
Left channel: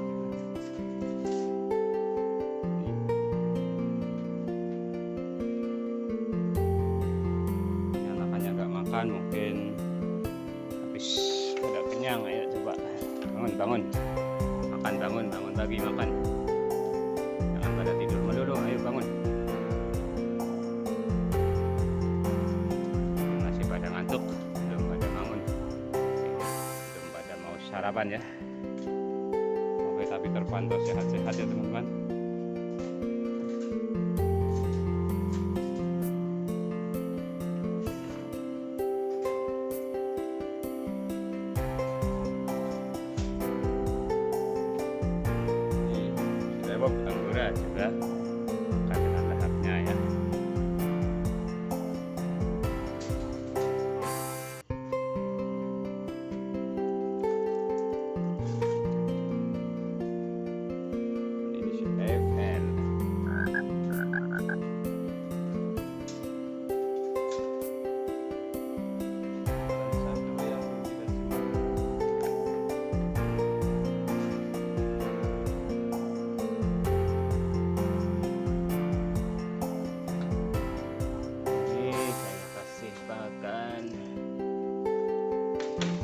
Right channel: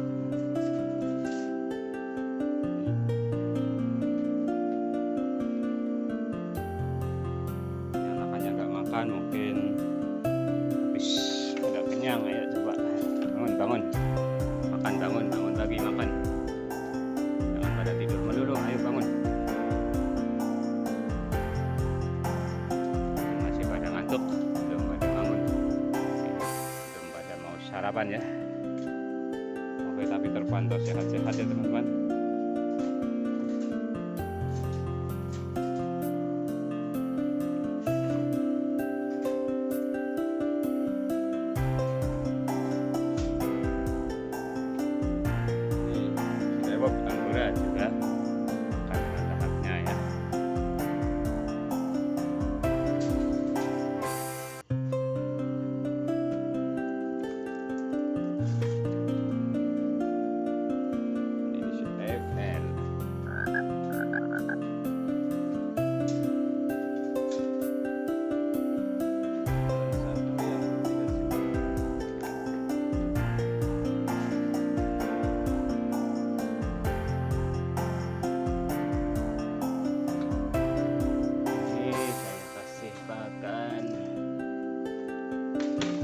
Ini anakannya nggak makan, mungkin habis udah kenyang. Ayo coba bangun, makan, bangun lagi makan. Jangan pada tidur melulu, ayo bangun. Pada ngantuk, belum pada bangun, belum pada mau sarapan ya. Oke, tapi terpantau sehat-sehat ya teman-teman. Ini Sirewok Anggora juga makan dengan lahapnya ya.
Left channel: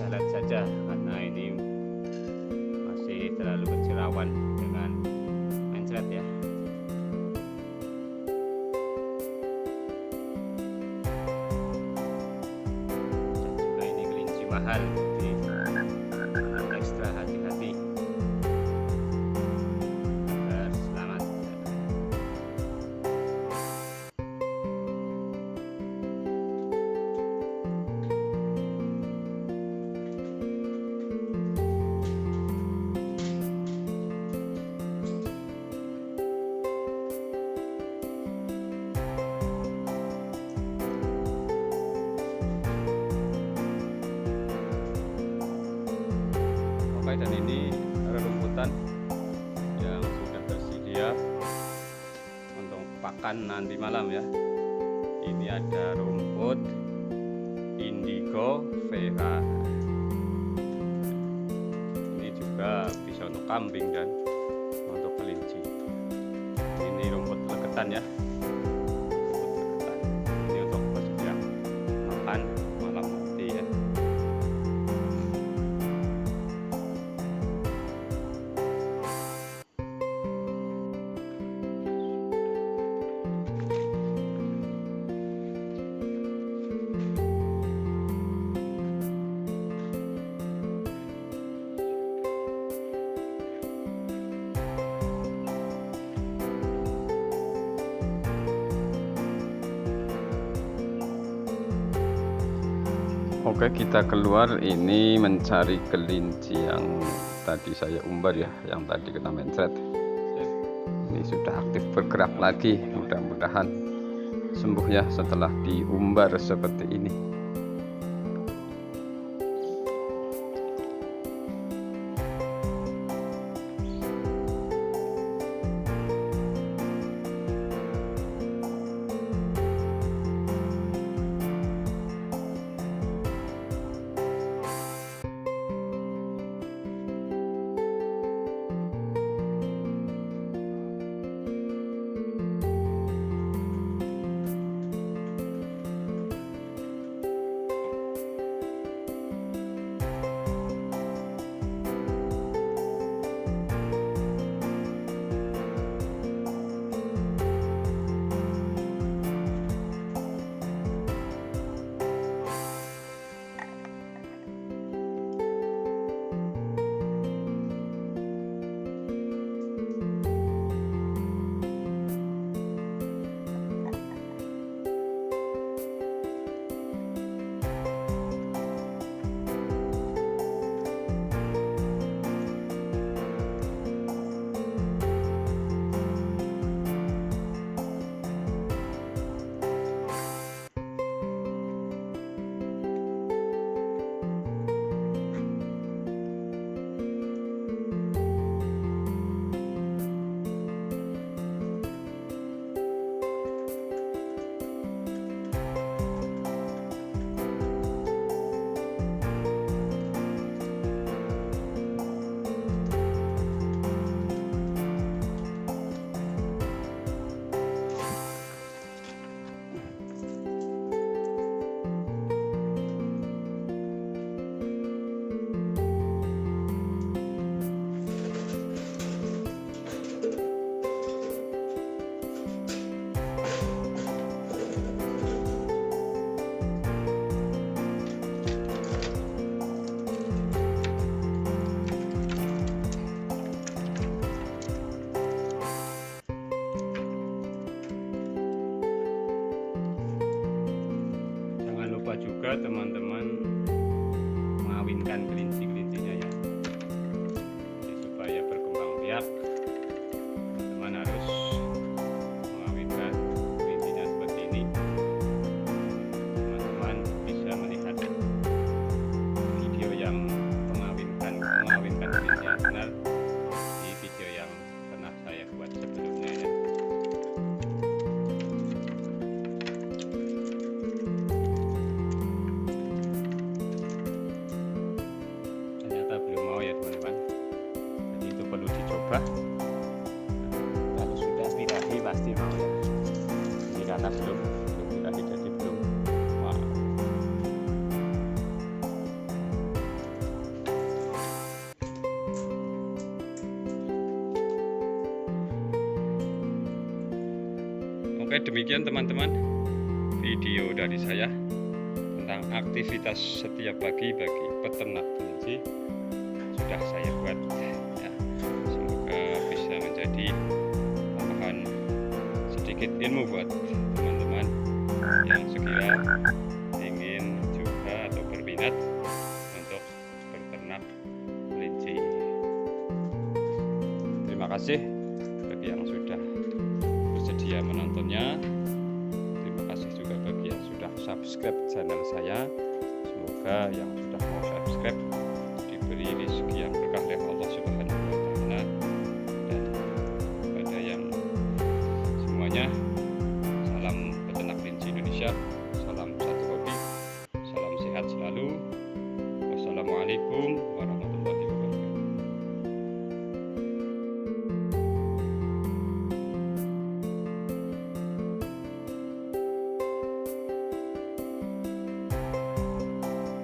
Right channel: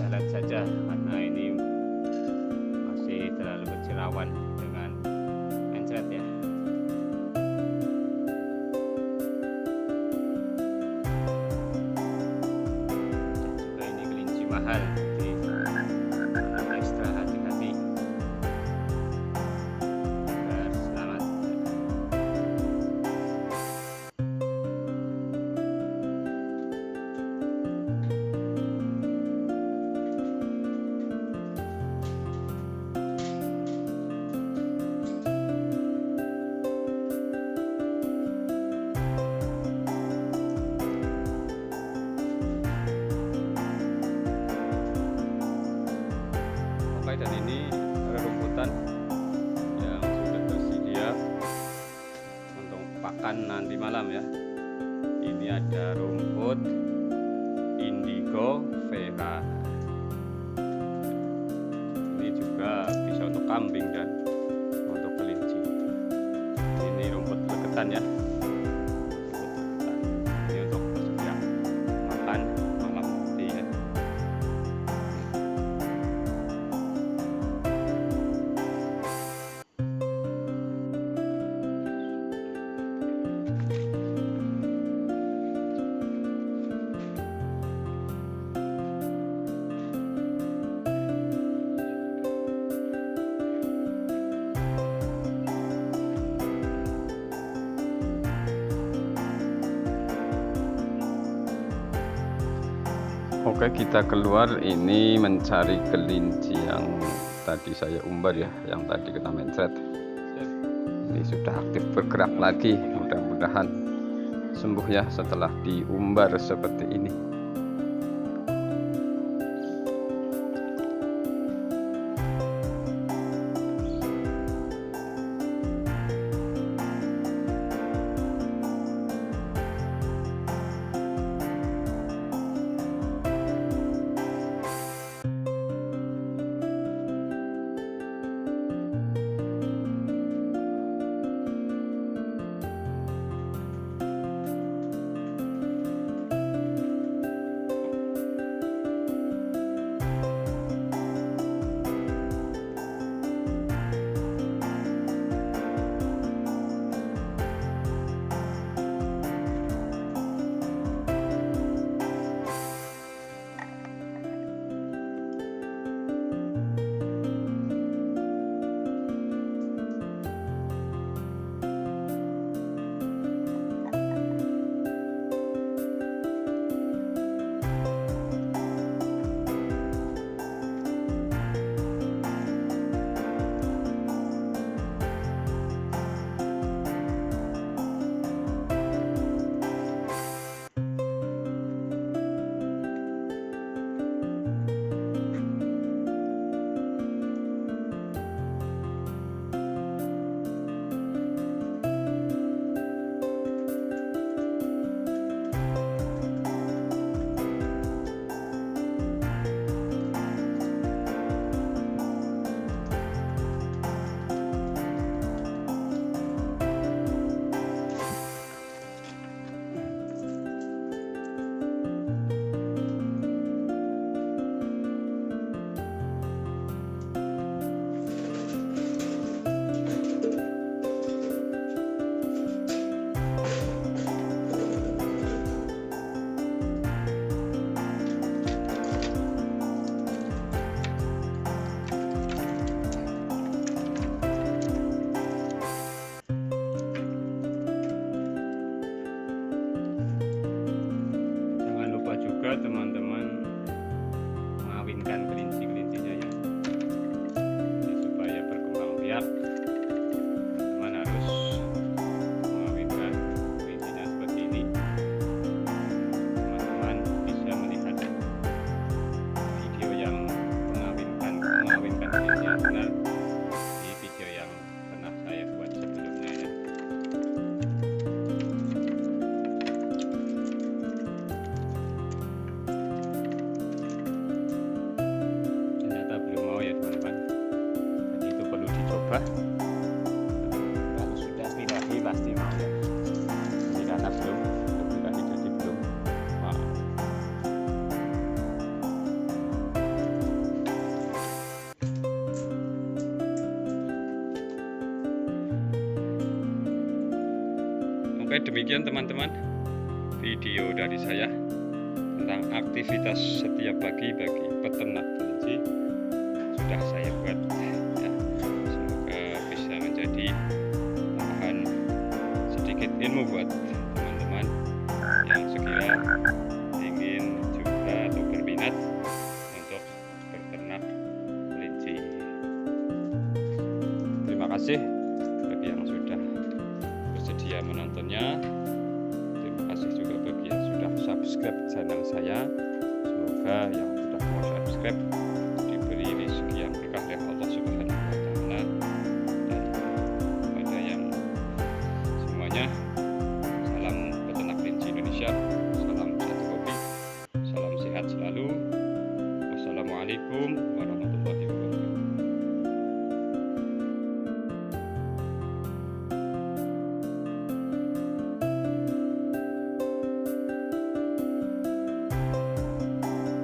Salat saja karena ini masih terlalu bercerawan dengan mencret ya. Dan juga ini kelinci mahal, jadi harus ekstra hati-hati agar selamat. Oke, dan ini rerumputan yang sudah tersedia untuk pakan nanti malam ya. Ini ada rumput indigo vera. Ini juga bisa untuk kambing dan untuk kelinci. Ini rumput legetan ya. Rumput legetan. Ini untuk persediaan makan malam nanti ya. Oke, kita keluar ini mencari kelinci yang tadi saya umbar ya, yang tadi kena mencret. Ini sudah aktif bergerak lagi, mudah-mudahan sembuh ya setelah diumbar seperti ini. juga teman-teman mengawinkan kelinci-kelincinya ya. Jadi supaya berkembang biak, teman-teman harus mengawinkan kelincinya seperti ini. Teman-teman bisa melihat video yang mengawinkan kelinci yang benar di video yang pernah saya buat sebelumnya ya. Ternyata belum mau ya teman-teman, jadi itu perlu dicoba. Kalau sudah birahi pasti mau ya. Ini karena belum birahi jadi belum mau. Oke, demikian teman-teman video dari saya tentang aktivitas setiap pagi bagi peternak kelinci sudah saya buat ya. Semoga bisa menjadi tambahan sedikit ilmu buat teman-teman yang sekira ingin juga atau berminat untuk berternak kelinci. Terima kasih bagi yang sudah bersedia menontonnya. Terima kasih juga bagi yang sudah subscribe channel saya. Semoga yang sudah mau subscribe diberi rezeki yang berkah oleh Allah Subhanahu wa Ta'ala. Dan pada yang semuanya, salam peternak kelinci Indonesia, salam satu hobi, salam sehat selalu. Wassalamualaikum warahmatullahi wabarakatuh.